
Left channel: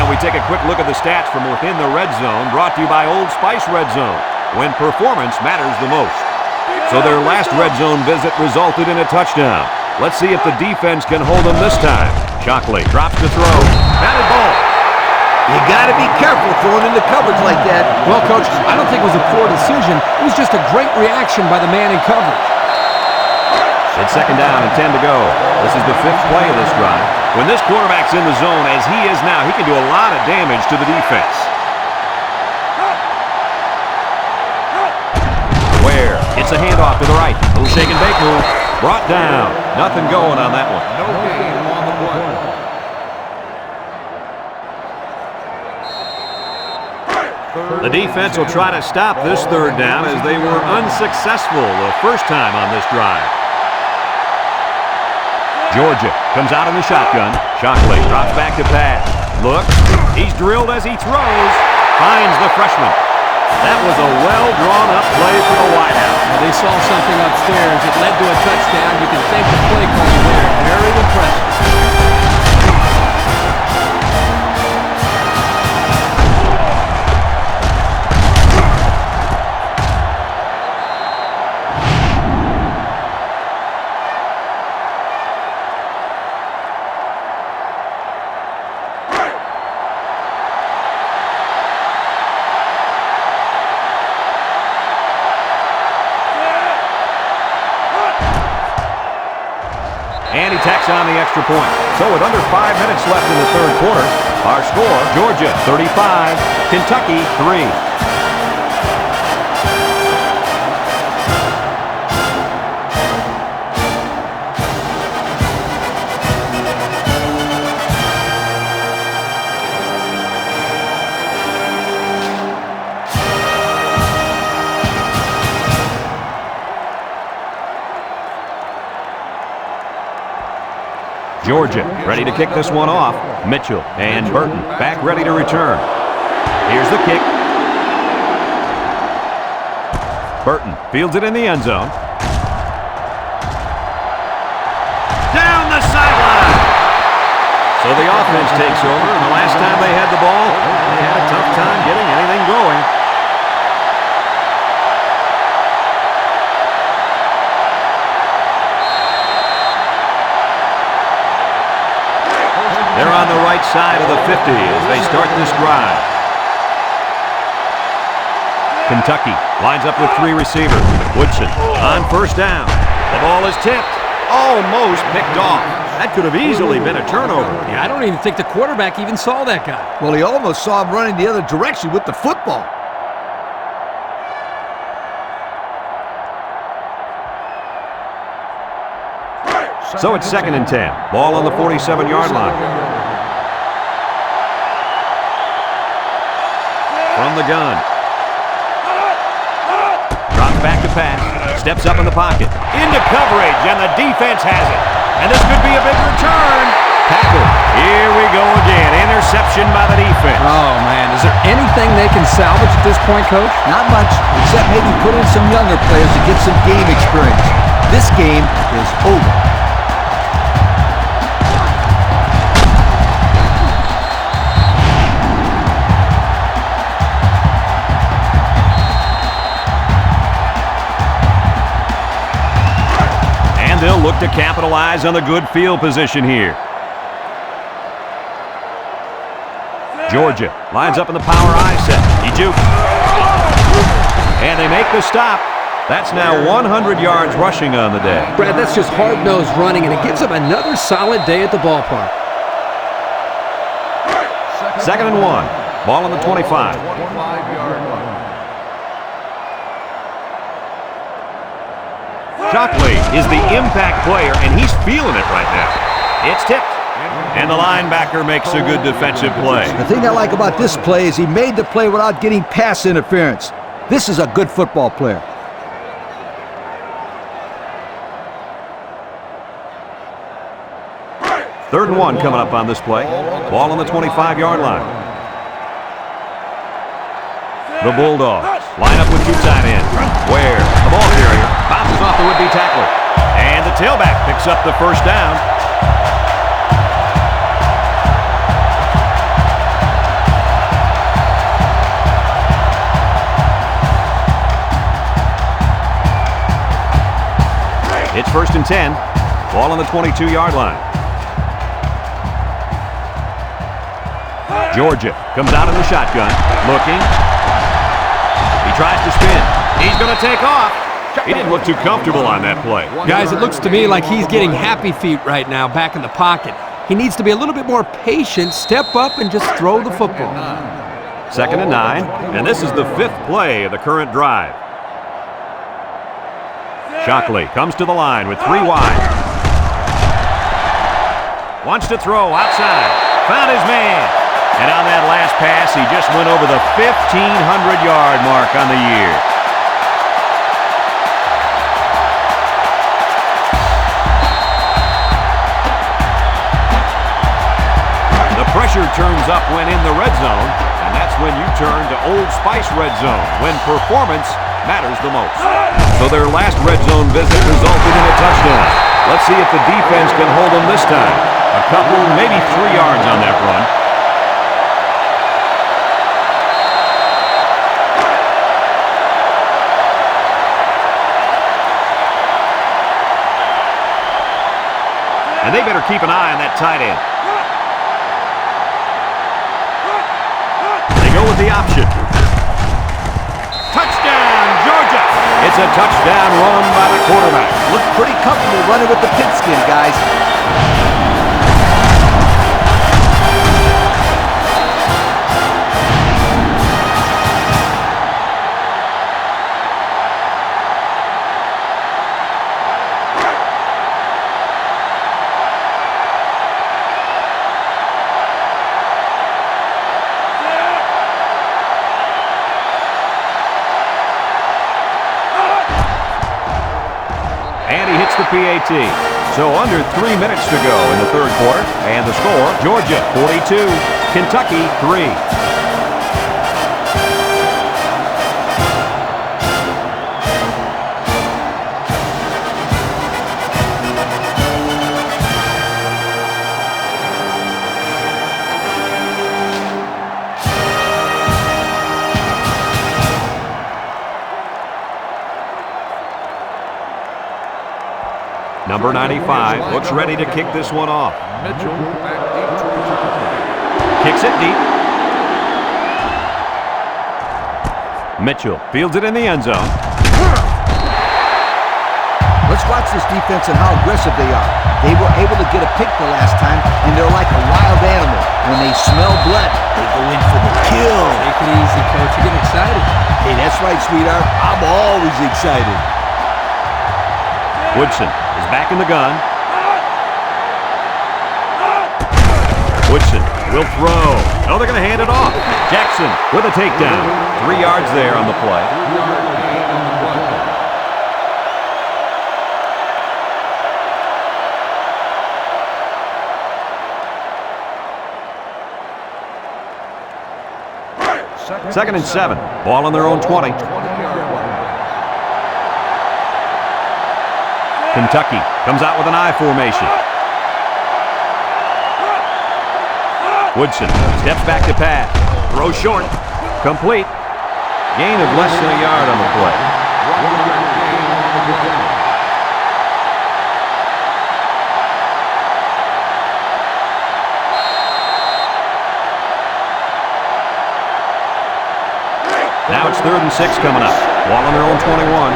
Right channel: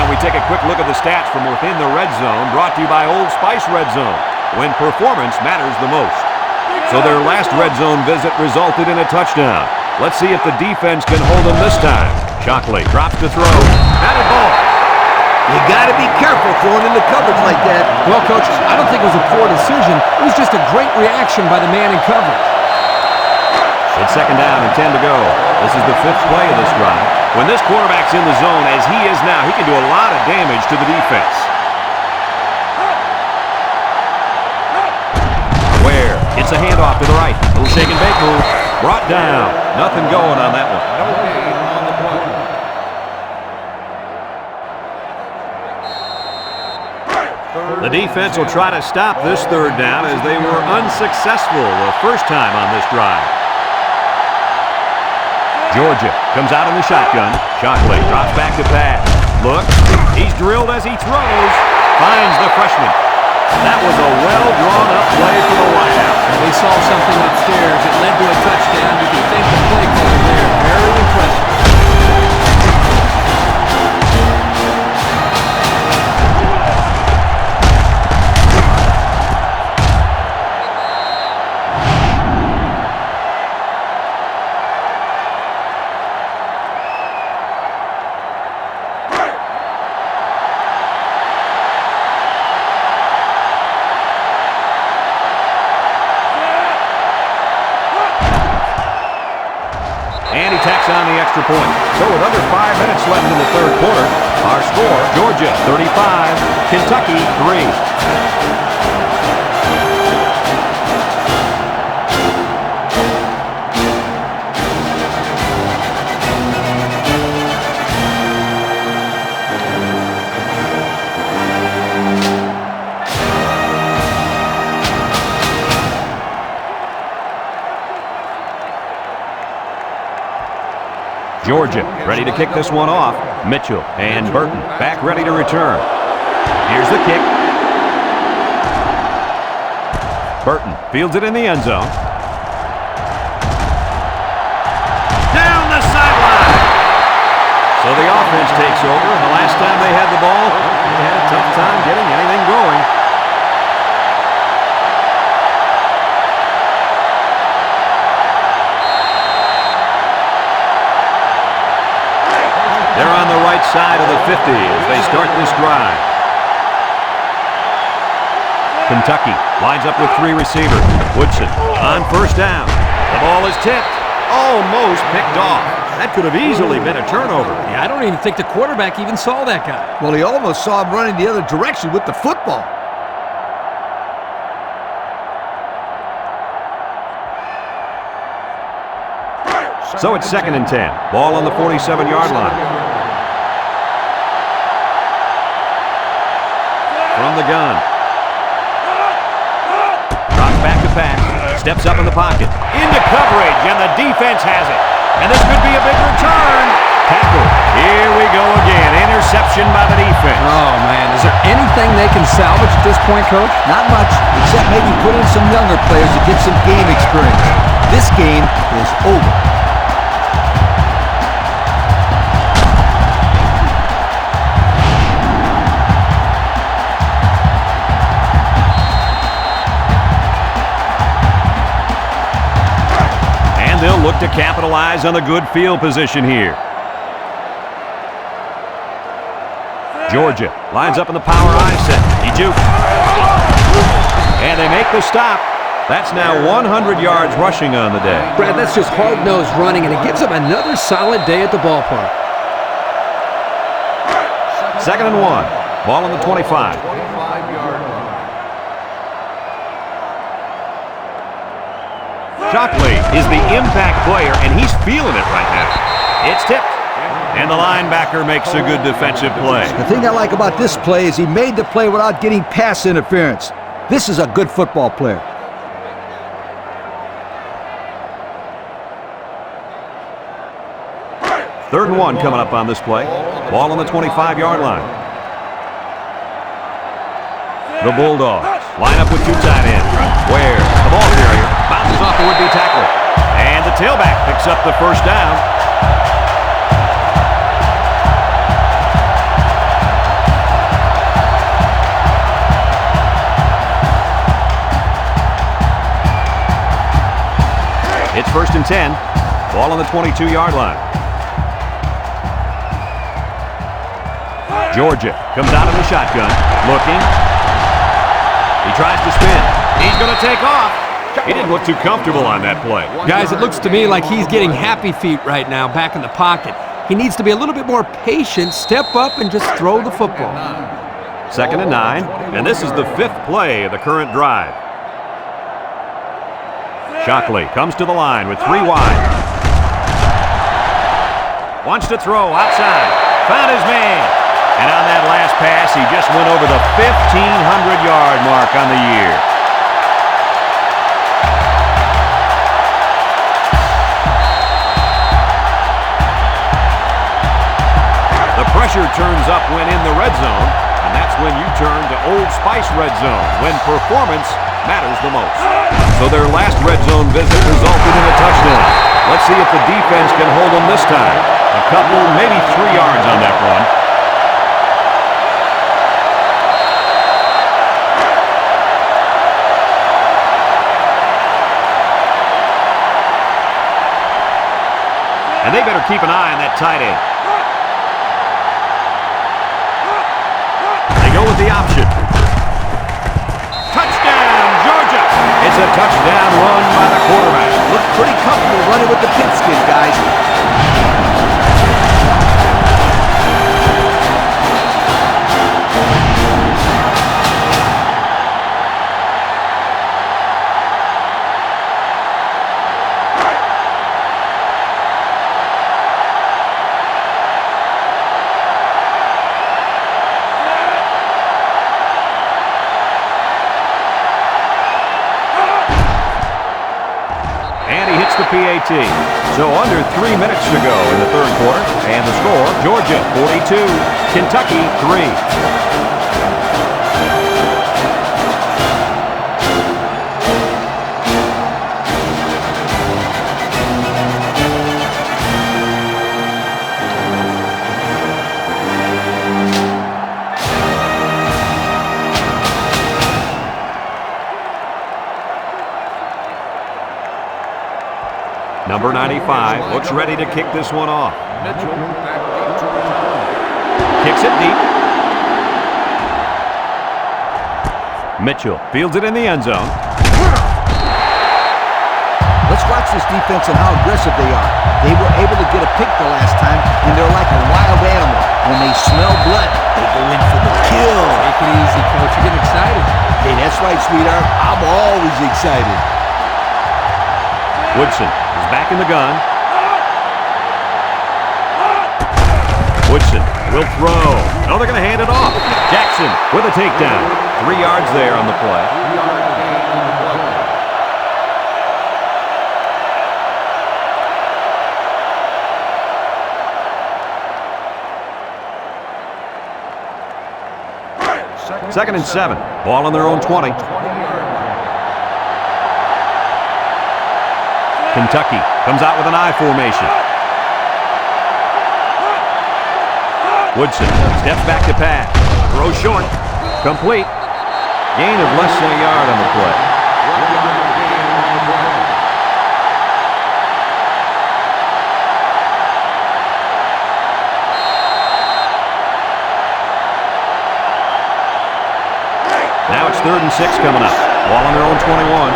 We take a quick look at the stats from within the red zone, brought to you by Old Spice Red Zone, when performance matters the most. So their last red zone visit resulted in a touchdown. Let's see if the defense can hold them this time. Shockley drops to throw. Batted ball. You got to be careful throwing into coverage like that. Well, Coach, I don't think it was a poor decision. It was just a great reaction by the man in coverage. It's second down and 10 to go. This is the 5th play of this drive. When this quarterback's in the zone, as he is now, he can do a lot of damage to the defense. Ware gets a handoff to the right. Little shake and bake move. Brought down. Nothing going on that one. No gain on the play. The defense will try to stop this third down as they were unsuccessful the first time on this drive. Georgia comes out in the shotgun. Shockley drops back to pass. Look, he's drilled as he throws. Finds the freshman. That was a well-drawn-up play for the wideout. They saw something upstairs. It led to a touchdown. You can thank the play caller there. Very impressive. And he tacks on the extra point. So with under 5 minutes left in the third quarter, our score, Georgia 35, Kentucky 3. Georgia ready to kick this one off. Mitchell and Burton back ready to return. Here's the kick. Burton fields it in the end zone. Down the sideline. So the offense takes over, and the last time they had the ball, they had a tough time getting anything going. They're on the right side of the 50 as they start this drive. Kentucky lines up with 3 receivers. Woodson on first down. The ball is tipped. Almost picked off. That could have easily been a turnover. Yeah, I don't even think the quarterback even saw that guy. Well, he almost saw him running the other direction with the football. So it's 2nd and 10. Ball on the 47-yard line. From the gun. Drops back to pass. Steps up in the pocket. Into coverage, and the defense has it. And this could be a big return. Tackle. Here we go again. Interception by the defense. Oh, man. Is there anything they can salvage at this point, Coach? Not much, except maybe put in some younger players to get some game experience. This game is over. They'll look to capitalize on the good field position here. Georgia lines up in the power I set. He jukes. And they make the stop. That's now 100 yards rushing on the day. Brad, that's just hard-nosed running, and it gives them another solid day at the ballpark. 2nd and 1. Ball on the 25. 25-yard line. Shockley is the impact player, and he's feeling it right now. It's tipped, and the linebacker makes a good defensive play. The thing I like about this play is he made the play without getting pass interference. This is a good football player. Third and 1 coming up on this play. Ball on the 25-yard line. The Bulldogs line up with 2 tight ends. Where the ball carrier bounces off the would-be tackler. And the tailback picks up the first down. It's 1st and 10. Ball on the 22-yard line. Georgia comes out in the shotgun. Looking. He tries to spin. He's going to take off. He didn't look too comfortable on that play. Guys, it looks to me like he's getting happy feet right now back in the pocket. He needs to be a little bit more patient, step up, and just throw the football. 2nd and 9, and this is the 5th play of the current drive. Shockley comes to the line with 3 wide. Wants to throw outside. Found his man. And on that last pass, he just went over the 1,500-yard mark on the year. pressure turns up when in the red zone, and that's when you turn to Old Spice Red Zone, when performance matters the most. So their last red zone visit resulted in a touchdown. Let's see if the defense can hold them this time. A couple, maybe 3 yards on that run. And they better keep an eye on that tight end. They go with the option. Touchdown, Georgia! It's a touchdown run by the quarterback. Looked pretty comfortable running with the pigskin, guys. And he hits the PAT. So under 3 minutes to go in the third quarter. And the score, Georgia 42, Kentucky 3. Number 95 looks ready to kick this one off. Mitchell back deep to return. Kicks it deep. Mitchell fields it in the end zone. Let's watch this defense and how aggressive they are. They were able to get a pick the last time, and they're like a wild animal. When they smell blood, they go in for the kill. Take it easy, Coach. You're getting excited. Hey, that's right, sweetheart. I'm always excited. Woodson is back in the gun. Woodson will throw. No, they're going to hand it off. Jackson with a takedown. 3 yards there on the play. 3-yard gain on the play. Second and 7. Ball on their own 20. 20-yard line. Kentucky comes out with an I formation. Woodson steps back to pass. Throw short. Complete. Gain of less than a yard on the play. 1-yard gain on the play. Now it's 3rd and 6 coming up. Ball on their own 21.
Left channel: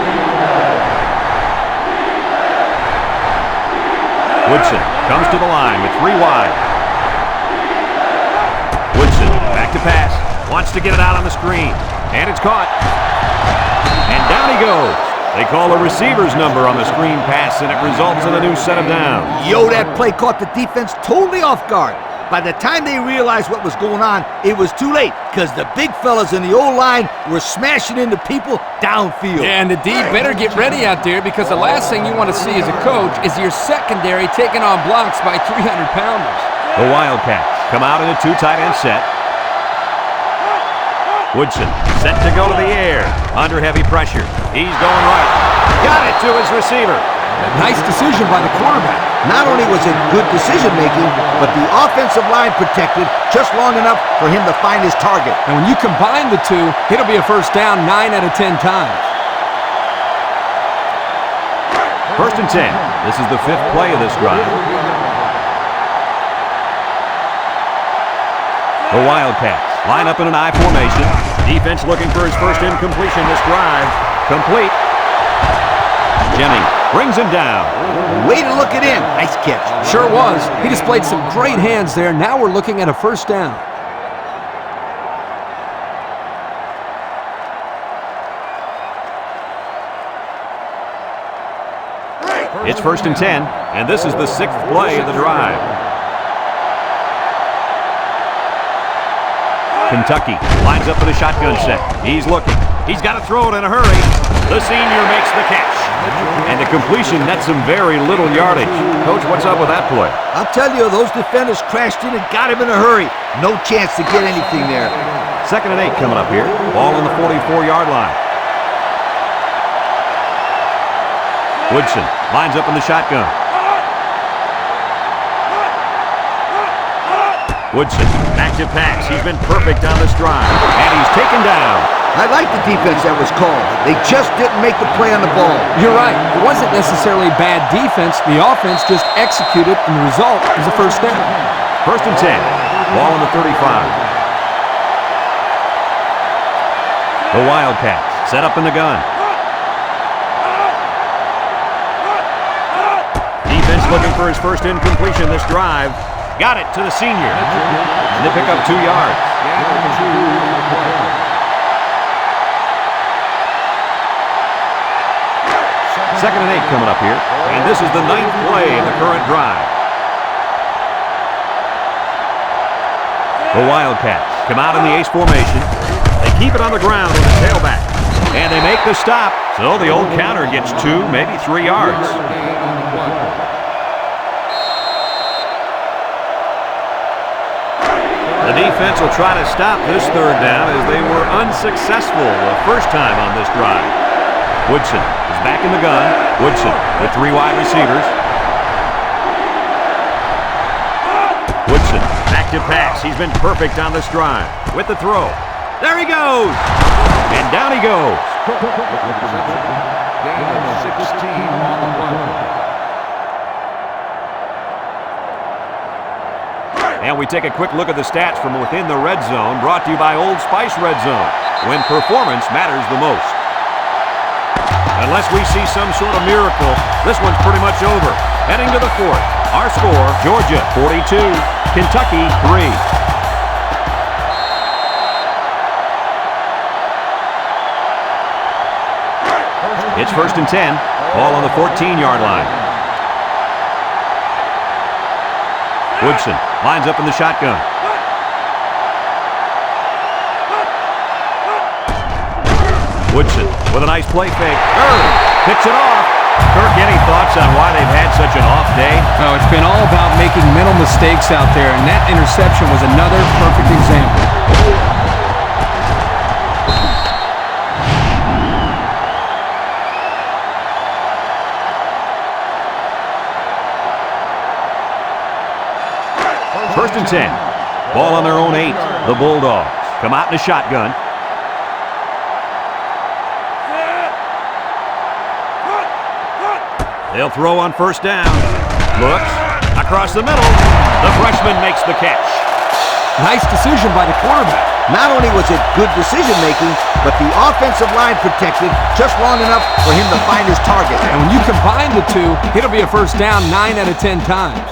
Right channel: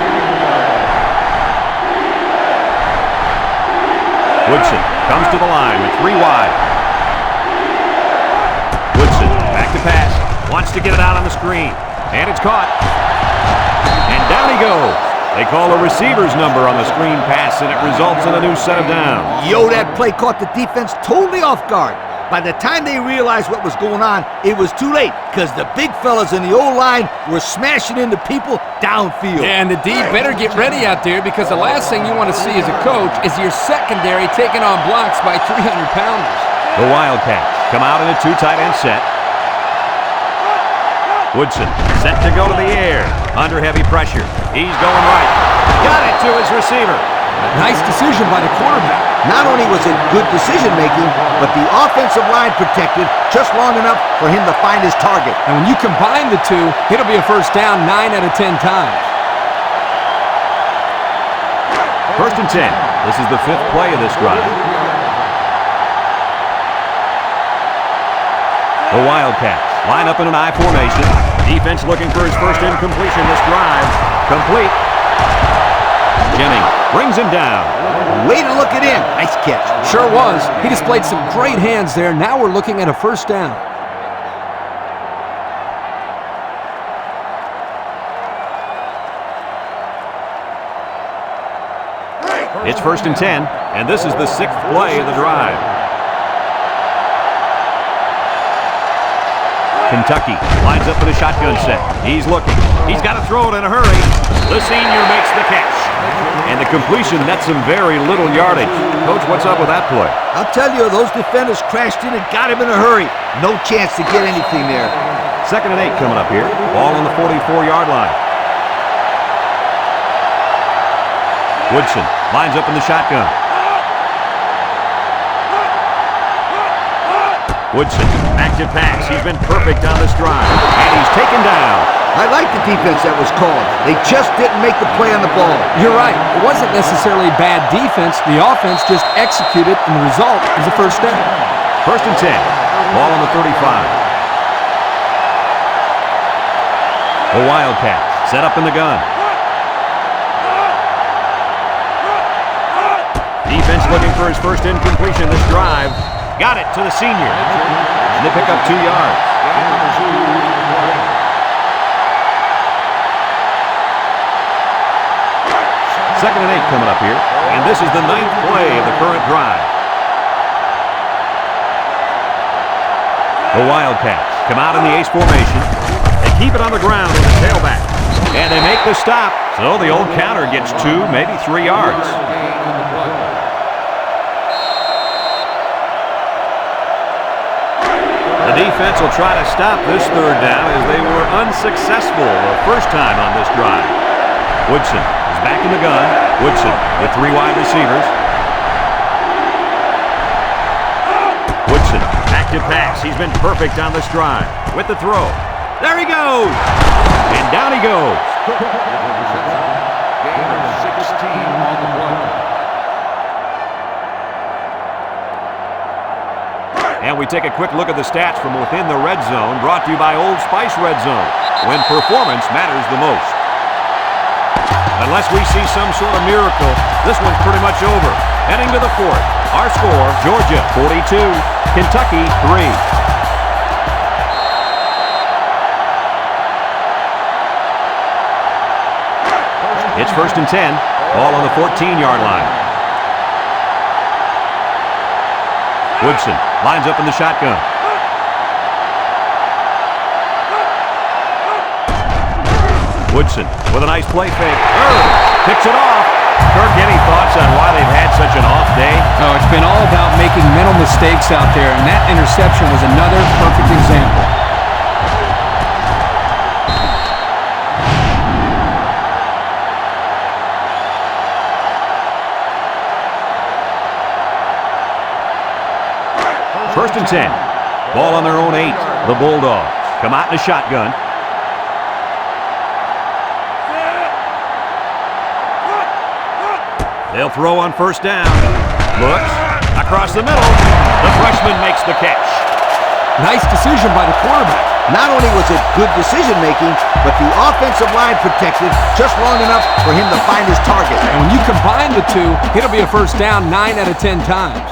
Woodson comes to the line with 3 wide. Woodson back to pass. Wants to get it out on the screen. And it's caught. And down he goes. They call a receiver's number on the screen pass, and it results in a new set of downs. Yo, that play caught the defense totally off guard. By the time they realized what was going on, it was too late because the big fellas in the O-line were smashing into people downfield. Yeah, and the D better get ready out there because the last thing you want to see as a coach is your secondary taking on blocks by 300-pounders. The Wildcats come out in a 2 tight end set. Woodson set to go to the air. Under heavy pressure. He's going right. Got it to his receiver. Nice decision by the quarterback. Not only was it good decision-making, but the offensive line protected just long enough for him to find his target. And when you combine the two, it'll be a first down 9 out of 10 times. 1st and 10. This is the 5th play of this drive. The Wildcats line up in an I formation. Defense looking for his first incompletion this drive. Complete. Jennings brings him down. Way to look it in. Nice catch. Sure was. He displayed some great hands there. Now we're looking at a first down. It's 1st and 10, and this is the 6th play of the drive. Kentucky lines up in a shotgun set. He's looking. He's got to throw it in a hurry. The senior makes the catch. And the completion nets some very little yardage. Coach, what's up with that play? I'll tell you, those defenders crashed in and got him in a hurry. No chance to get anything there. 2nd and 8 coming up here. Ball on the 44-yard line. Woodson lines up in the shotgun. Woodson, back to pass. He's been perfect on this drive. And he's taken down. I like the defense that was called. They just didn't make the play on the ball. You're right. It wasn't necessarily bad defense. The offense just executed, and the result is a first down. 1st and 10. Ball on the 35. The Wildcats set up in the gun. Defense looking for his first incompletion this drive. Got it to the senior. And they pick up 2 yards. Gain of 2 on the play. 2nd and 8 coming up here. And this is the 9th play of the current drive. The Wildcats come out in the ace formation. They keep it on the ground with a tailback. And they make the stop. So the old counter gets 2, maybe 3 yards. Gain on the play. The defense will try to stop this 3rd down as they were unsuccessful the first time on this drive. Woodson is back in the gun. Woodson with 3 wide receivers. Woodson back to pass. He's been perfect on this drive. With the throw. There he goes. And down he goes. Cook with the reception. Gain of 16 on the play. And we take a quick look at the stats from within the red zone, brought to you by Old Spice Red Zone, when performance matters the most. Unless we see some sort of miracle, this one's pretty much over. Heading to the 4th. Our score, Georgia 42, Kentucky 3. It's 1st and 10. Ball on the 14-yard line. Woodson lines up in the shotgun. Woodson with a nice play fake. Picks it off. Kirk, any thoughts on why they've had such an off day? Oh, it's been all about making mental mistakes out there, and that interception was another perfect example. First and 10. Ball on their own 8. The Bulldogs come out in a shotgun. They'll throw on 1st down. Looks across the middle. The freshman makes the catch. Nice decision by the quarterback. Not only was it good decision-making, but the offensive line protected just long enough for him to find his target. And when you combine the two, it'll be a first down 9 out of 10 times.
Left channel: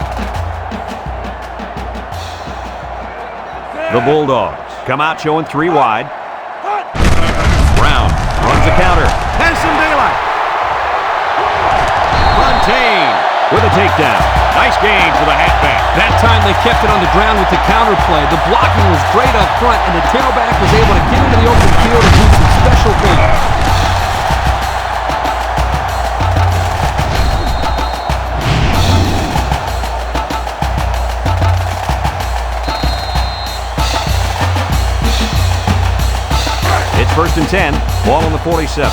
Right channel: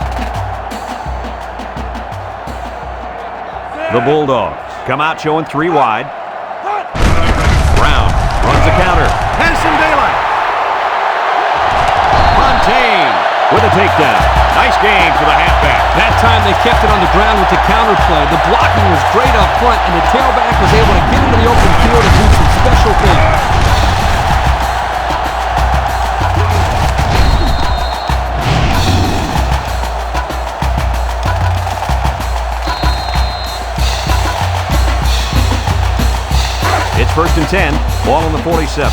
The Bulldogs come out showing 3 wide. Brown runs a counter. Has some daylight. Fontaine with a takedown. Nice game for the halfback. That time they kept it on the ground with the counter play. The blocking was great up front, and the tailback was able to get into the open field and do some special things. It's 1st and 10. Ball on the 47.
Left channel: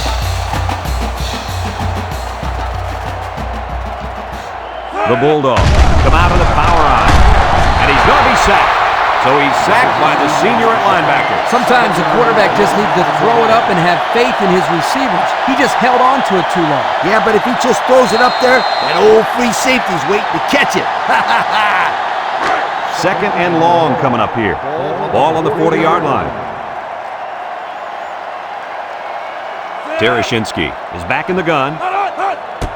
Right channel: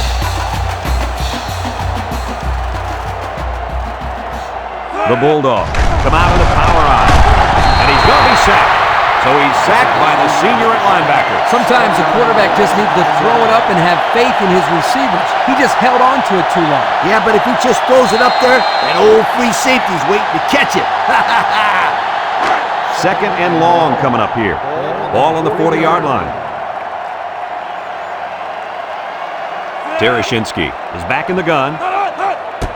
The Bulldogs come out on the power eye. And he's going to be sacked. So he's sacked by the senior at linebacker. Sometimes the quarterback just needs to throw it up and have faith in his receivers. He just held on to it too long. Yeah, but if he just throws it up there, that old free safety's waiting to catch it. 2nd and long coming up here. Ball on the 40-yard line. Tereshinski is back in the gun.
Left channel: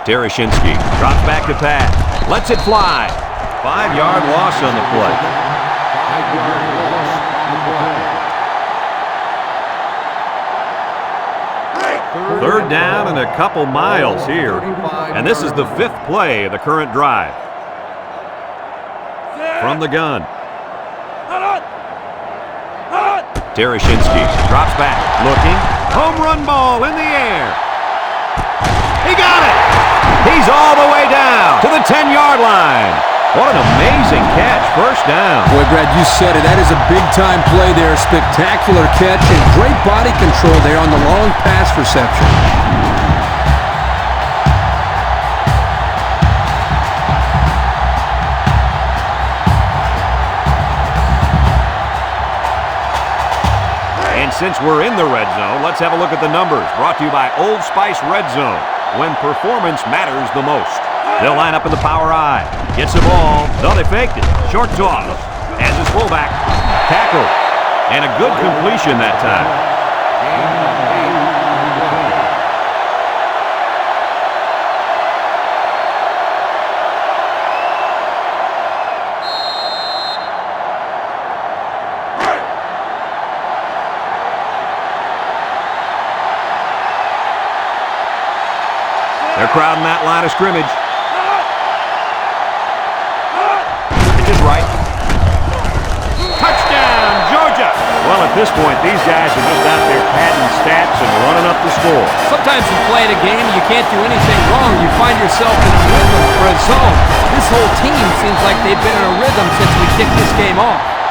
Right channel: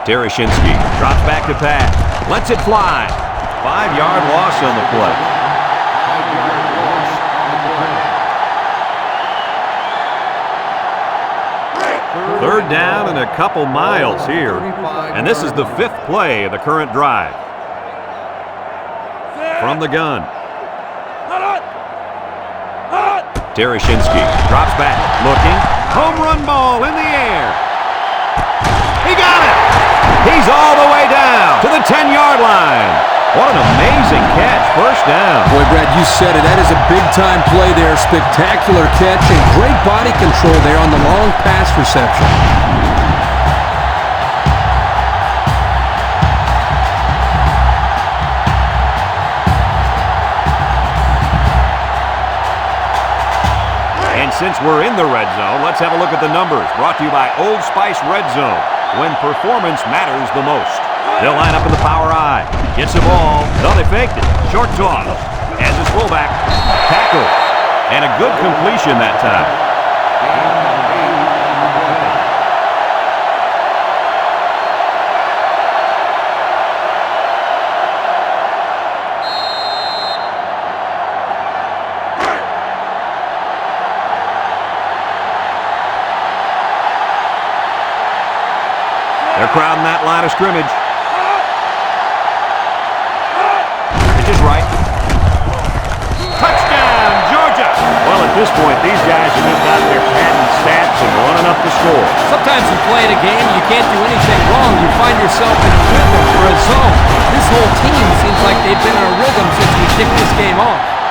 Tereshinski drops back to pass. Lets it fly. 5-yard loss on the play. 5-yard loss on the play. 3rd down and a couple miles here. And this is the 5th play of the current drive. From the gun. Tereshinski drops back, looking, Home run ball in the air. He got it. He's all the way down to the 10-yard line. What an amazing catch. First down. Boy, Brad, you said it. That is a big-time play there. Spectacular catch and great body control there on the long pass reception. And since we're in the red zone, let's have a look at the numbers. Brought to you by Old Spice Red Zone, when performance matters the most. They'll line up in the power I. Gets the ball. No, they faked it. Short toss. As his fullback. Tackle. And a good completion that time. Gain of 8 on the play. They're crowding that line of scrimmage. Pitch is right. Touchdown, Georgia! Well, at this point, these guys are just out there padding stats and running up the score. Sometimes you play at a game and you can't do anything wrong. You find yourself in a rhythm or a zone. This whole team seems like they've been in a rhythm since we kicked this game off.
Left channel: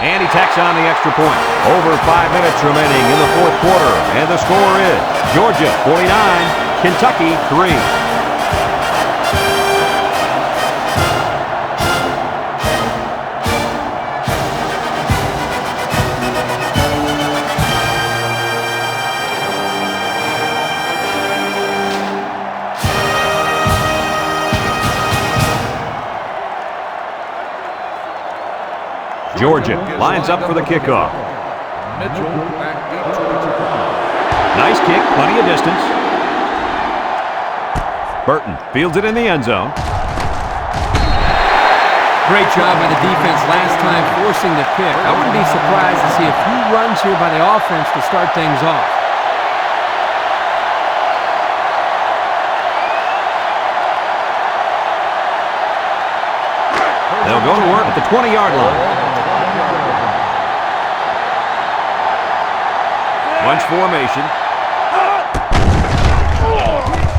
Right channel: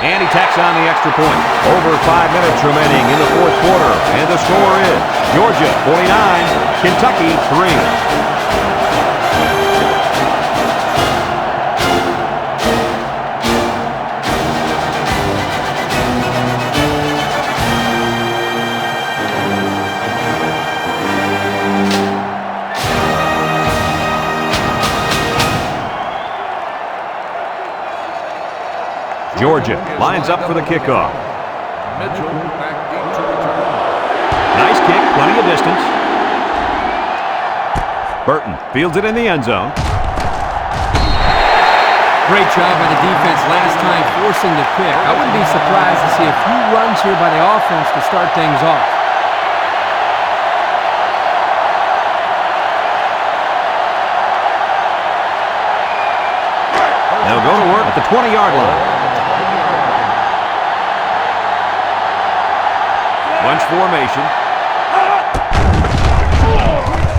And he tacks on the extra point. Over 5 minutes remaining in the fourth quarter. And the score is Georgia 49, Kentucky 3. Georgia lines up for the kickoff. Mitchell back deep to return. Nice kick, plenty of distance. Burton fields it in the end zone. Great job by the defense last time forcing the pick. I wouldn't be surprised to see a few runs here by the offense to start things off. They'll go to work at the 20-yard line. Bunch formation.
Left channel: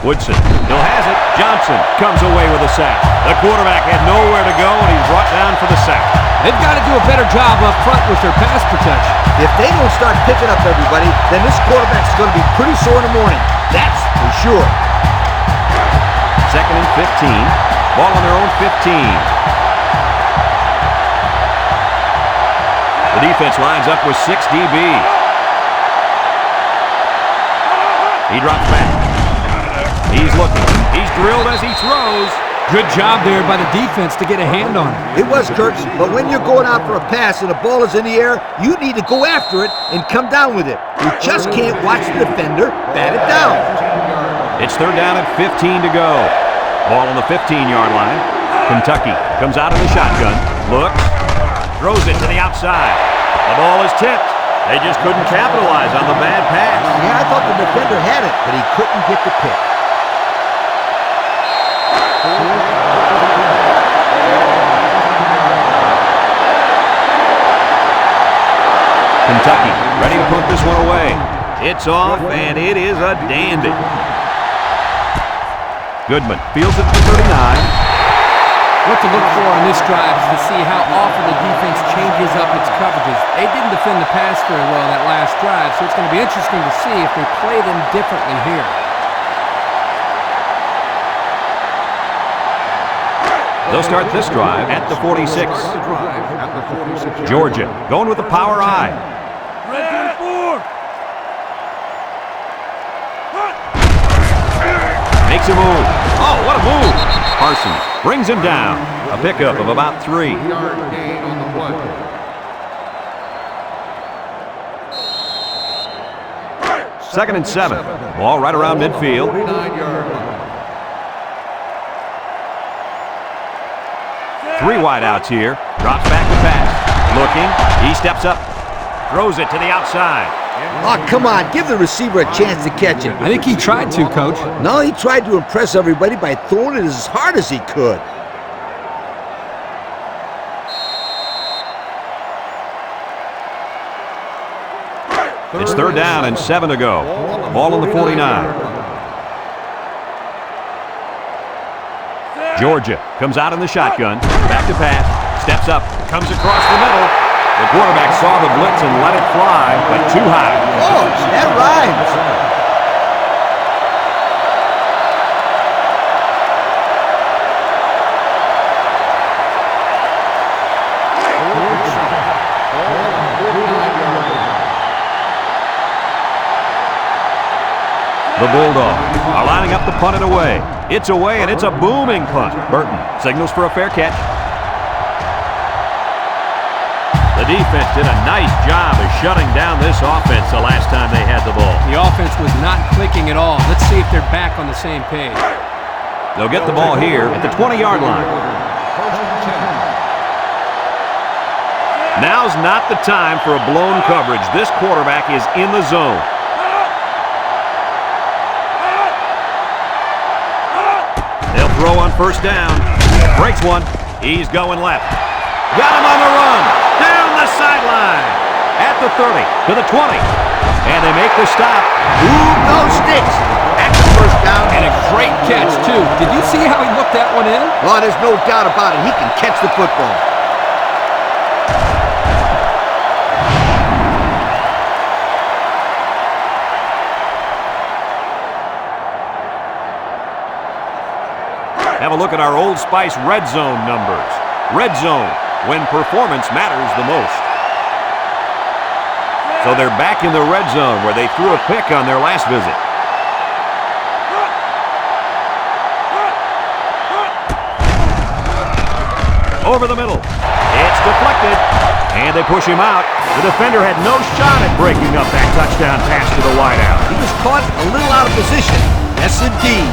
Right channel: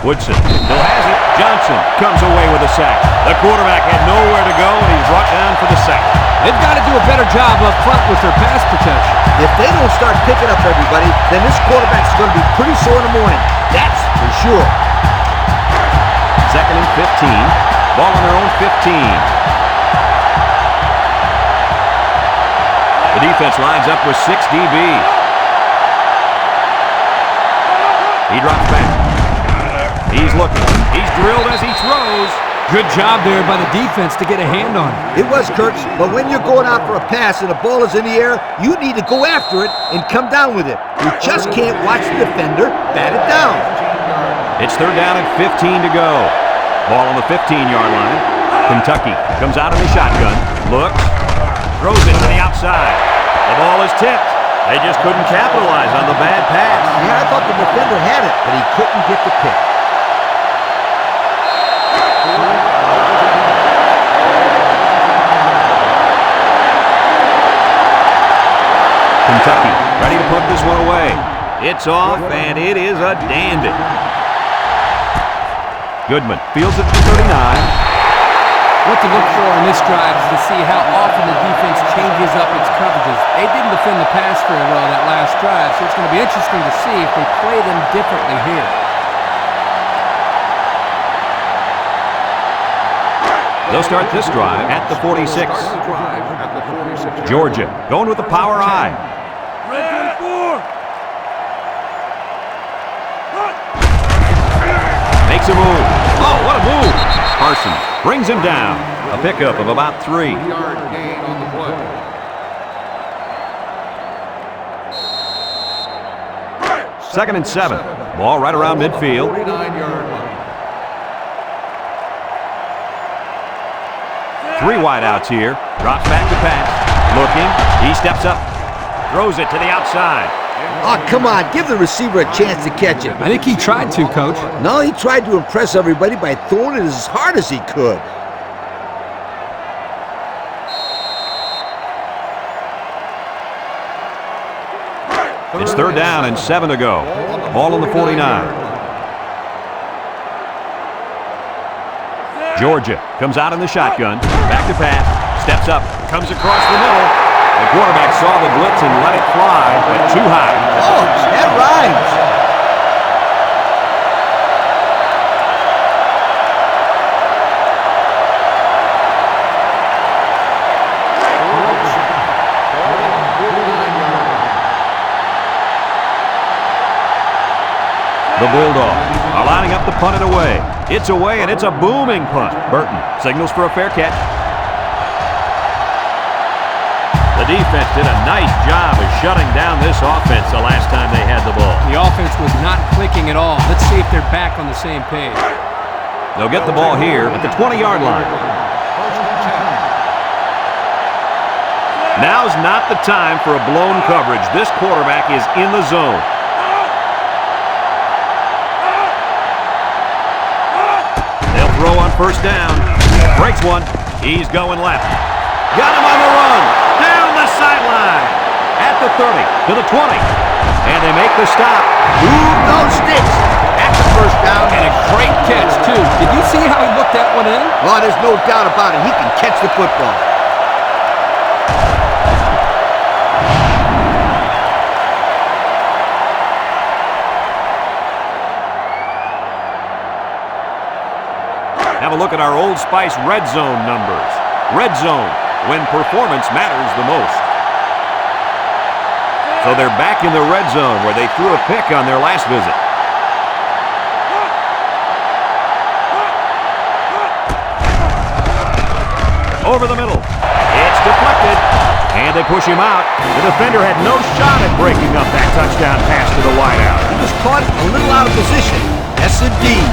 Woodson still has it. Johnson comes away with a sack. The quarterback had nowhere to go, and he's brought down for the sack. They've got to do a better job up front with their pass protection. If they don't start picking up everybody, then this quarterback's going to be pretty sore in the morning. That's for sure. Second and 15. Ball on their own 15. The defense lines up with 6 DBs. He drops back. He's looking. He's drilled as he throws. Good job there by the defense to get a hand on it. It was, Kurt, but when you're going out for a pass and the ball is in the air, you need to go after it and come down with it. You just can't watch the defender bat it down. It's third down at 15 to go. Ball on the 15-yard line. Kentucky comes out in the shotgun. Looks. Throws it to the outside. The ball is tipped. They just couldn't capitalize on the bad pass. Yeah, I thought the defender had it, but he couldn't get the pick. Kentucky ready to put this one away. It's off, and it is a dandy. Goodman fields it to 39. What to look for in this drive is to see how often the defense changes up its coverages. They didn't defend the pass very well that last drive, so it's going to be interesting to see if they play them differently here. They'll start this drive at the 46. Start the drive at the 46. Georgia going with the power I. Red 24! Makes a move. Oh, what a move. Parsons brings him down. A pickup of about 3. 3-yard gain on the play. Second and 7. Ball right around midfield. 49-yard line. 3 wideouts here. Drops back to pass. Looking. He steps up. Throws it to the outside. Oh, come on. Give the receiver a chance to catch it. I think he tried to, Coach. No, he tried to impress everybody by throwing it as hard as he could. It's 3rd down and 7 to go. Ball on the 49. Georgia comes out in the shotgun. Back to pass. Steps up. Comes across the middle. The quarterback saw the blitz and let it fly, but too high. Oh, that rhymes. The Bulldogs are lining up to punt it away. It's away, and it's a booming punt. Burton signals for a fair catch. The defense did a nice job of shutting down this offense the last time they had the ball. The offense was not clicking at all. Let's see if they're back on the same page. They'll get the ball here at the 20-yard line. First and 10. Now's not the time for a blown coverage. This quarterback is in the zone. They'll throw on 1st down. Breaks one. He's going left. Got him on the run. Down the sideline. At the 30, to the 20. And they make the stop. Move those sticks. That's the 1st down. And a great catch, too. Did you see how he looked that one in? Oh, there's no doubt about it. He can catch the football. Have a look at our Old Spice Red Zone numbers. Red Zone, when performance matters the most. So they're back in the red zone where they threw a pick on their last visit. Over the middle. It's deflected. And they push him out. The defender had no shot at breaking up that touchdown pass to the wideout. He was caught a little out of position. Yes, indeed.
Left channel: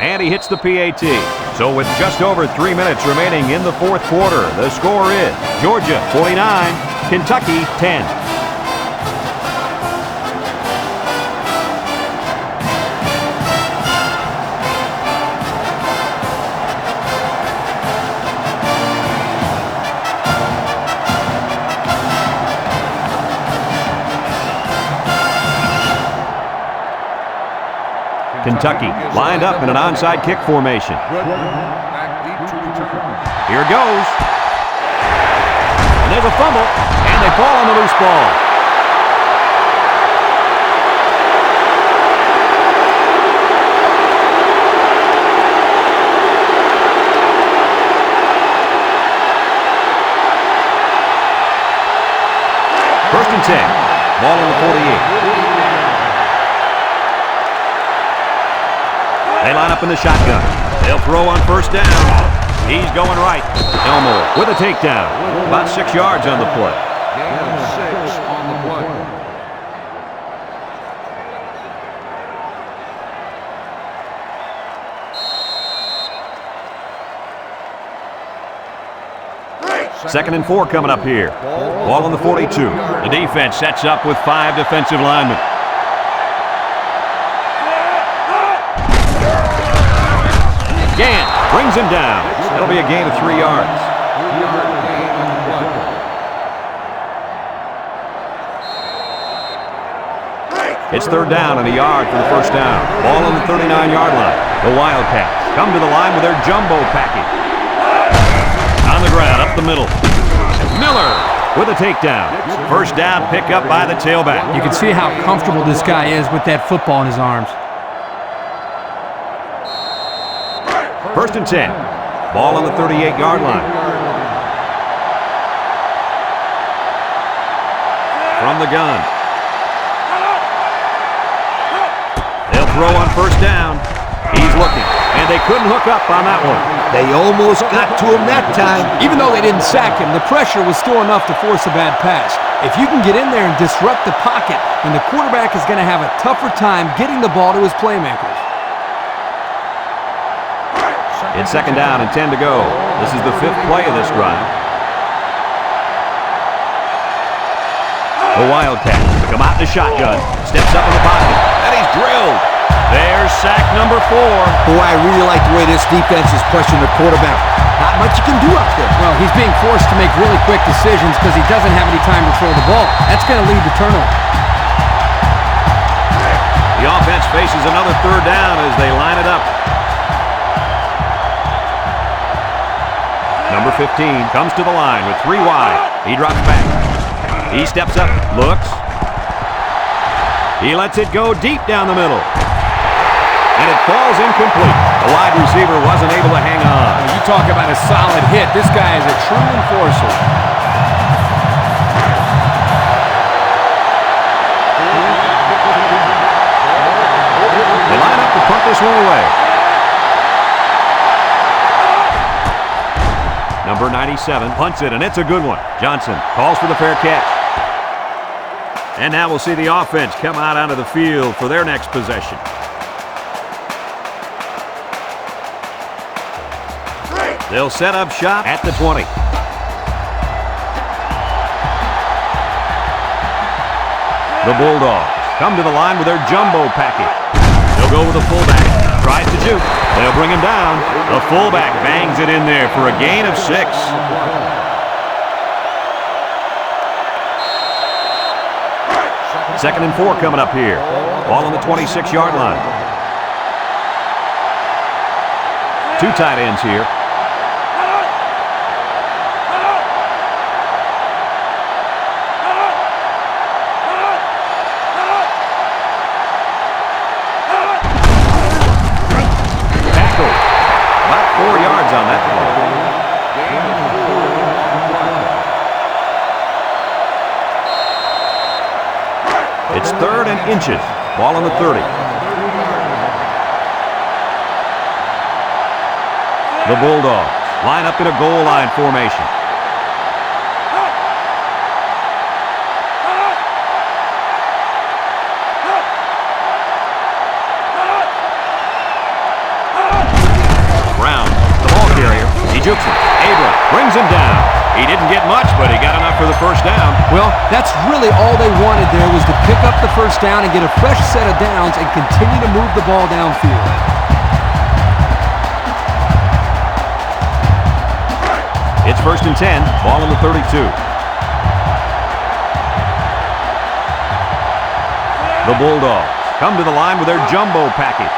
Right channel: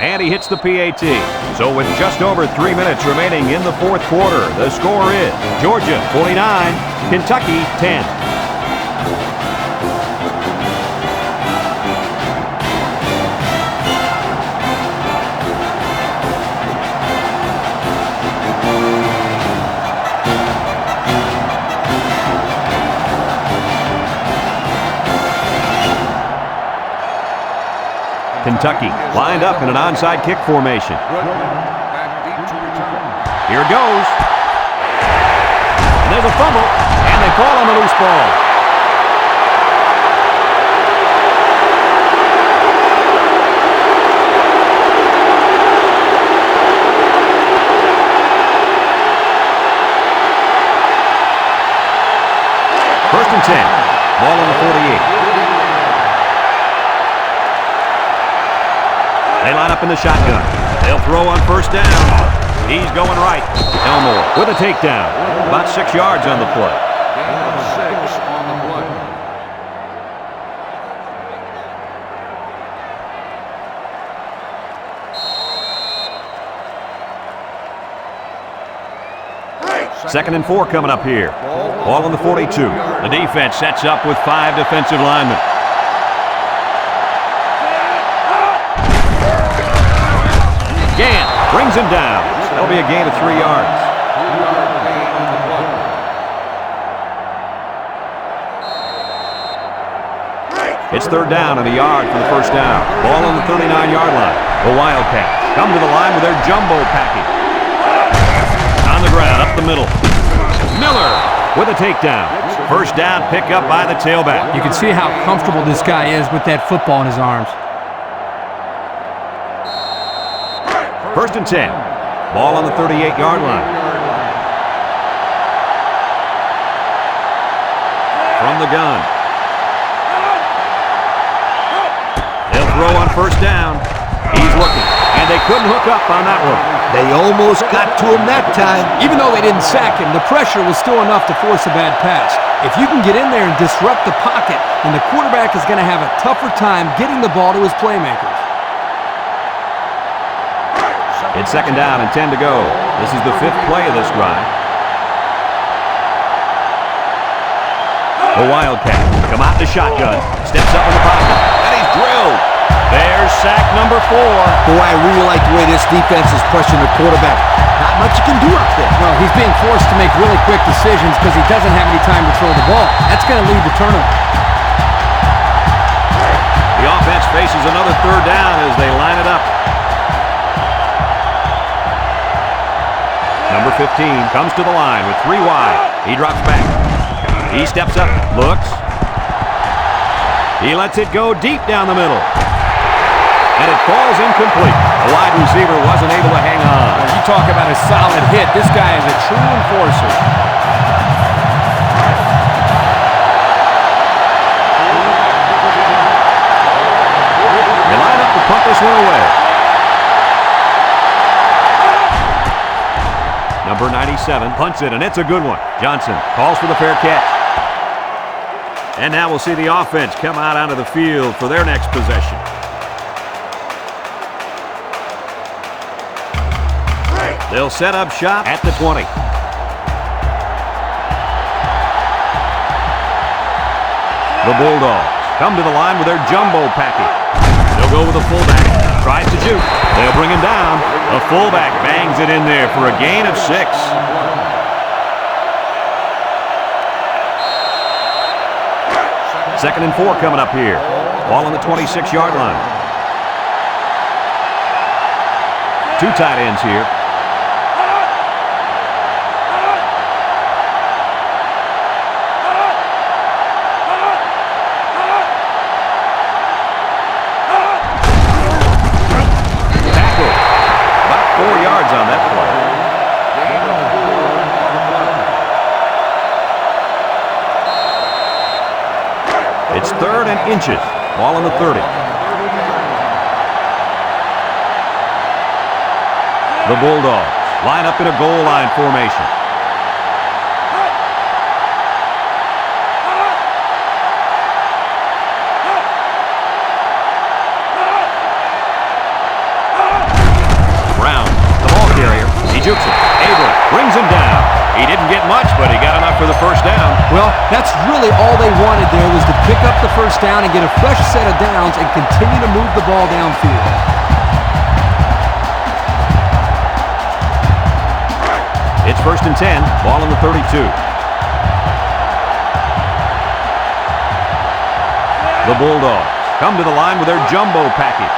And he hits the PAT. So with just over 3 minutes remaining in the 4th quarter, the score is Georgia 49, Kentucky 10. Kentucky lined up in an onside kick formation. Goodwin back deep to return. Here it goes. And there's a fumble, and they fall on the loose ball. First and 10. Ball on the 48. They line up in the shotgun. They'll throw on 1st down. He's going right. Elmore with a takedown. About 6 yards on the play. Gain of 6 on the play. Second and 4 coming up here. Ball on the 42. The defense sets up with 5 defensive linemen. Gant brings him down. That'll be a gain of 3 yards. 3-yard gain on the play. It's 3rd down and a yard for the 1st down. Ball on the 39-yard line. The Wildcats come to the line with their jumbo package. On the ground, up the middle. Miller with a takedown. 1st down, pick up by the tailback. You can see how comfortable this guy is with that football in his arms. 1st and 10. Ball on the 38-yard line. from the gun. They'll throw on first down. He's looking, and they couldn't hook up on that one. They almost got to him that time. Even though they didn't sack him, the pressure was still enough to force a bad pass. If you can get in there and disrupt the pocket, then the quarterback is going to have a tougher time getting the ball to his playmakers. It's second down and 10 to go. This is the 5th play of this drive. The Wildcats come out in the shotgun, steps up in the pocket, and he's drilled. There's sack number 4. Boy, I really like the way this defense is pressuring the quarterback. Not much you can do out there. Well, he's being forced to make really quick decisions because he doesn't have any time to throw the ball. That's going to lead to turnover. The offense faces another 3rd down as they line it up. Number 15 comes to the line with 3 wide. He drops back. He steps up, looks. He lets it go deep down the middle. And it falls incomplete. The wide receiver wasn't able to hang on. Well, you talk about a solid hit. This guy is a true enforcer. They line up to punt this one away. Number 97 punts it, and it's a good one. Johnson calls for the fair catch. And now we'll see the offense come out onto the field for their next possession. They'll set up shop at the 20. The Bulldogs come to the line with their jumbo package. They'll go with a fullback. Tries to juke. They'll bring him down. The fullback bangs it in there for a gain of 6. Second and 4 coming up here. Ball on the 26-yard line. 2 tight ends here. About 4 yards on that play. Gain of 4 on the play. It's 3rd and inches. Ball on the 30. The Bulldogs line up in a goal line formation. He jukes it. Abram brings him down. He didn't get much, but he got enough for the first down. Well, that's really all they wanted there was to pick up the first down and get a fresh set of downs and continue to move the ball downfield. It's 1st and 10. Ball on the 32. The Bulldogs come to the line with their jumbo package.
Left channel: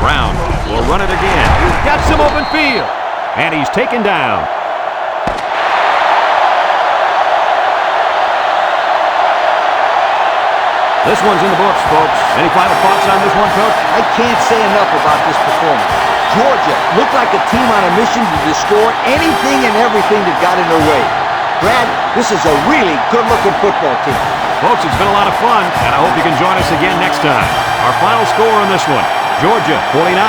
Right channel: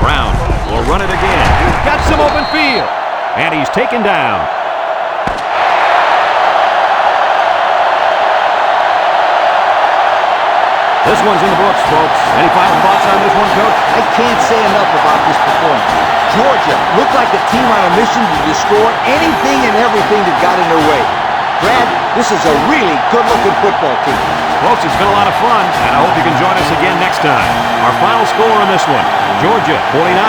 Brown will run it again. Got some open field. And he's taken down. This one's in the books, folks. Any final thoughts on this one, Coach? I can't say enough about this performance. Georgia looked like a team on a mission to destroy anything and everything that got in their way. Brad, this is a really good-looking football team. Folks, it's been a lot of fun, and I hope you can join us again next time. Our final score on this one, Georgia 49,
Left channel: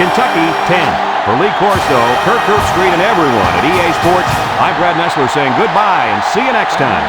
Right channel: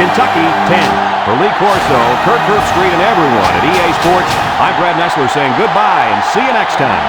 Kentucky 10. For Lee Corso, Kirk Herbstreit, and everyone at EA Sports, I'm Brad Nessler saying goodbye and see you next time.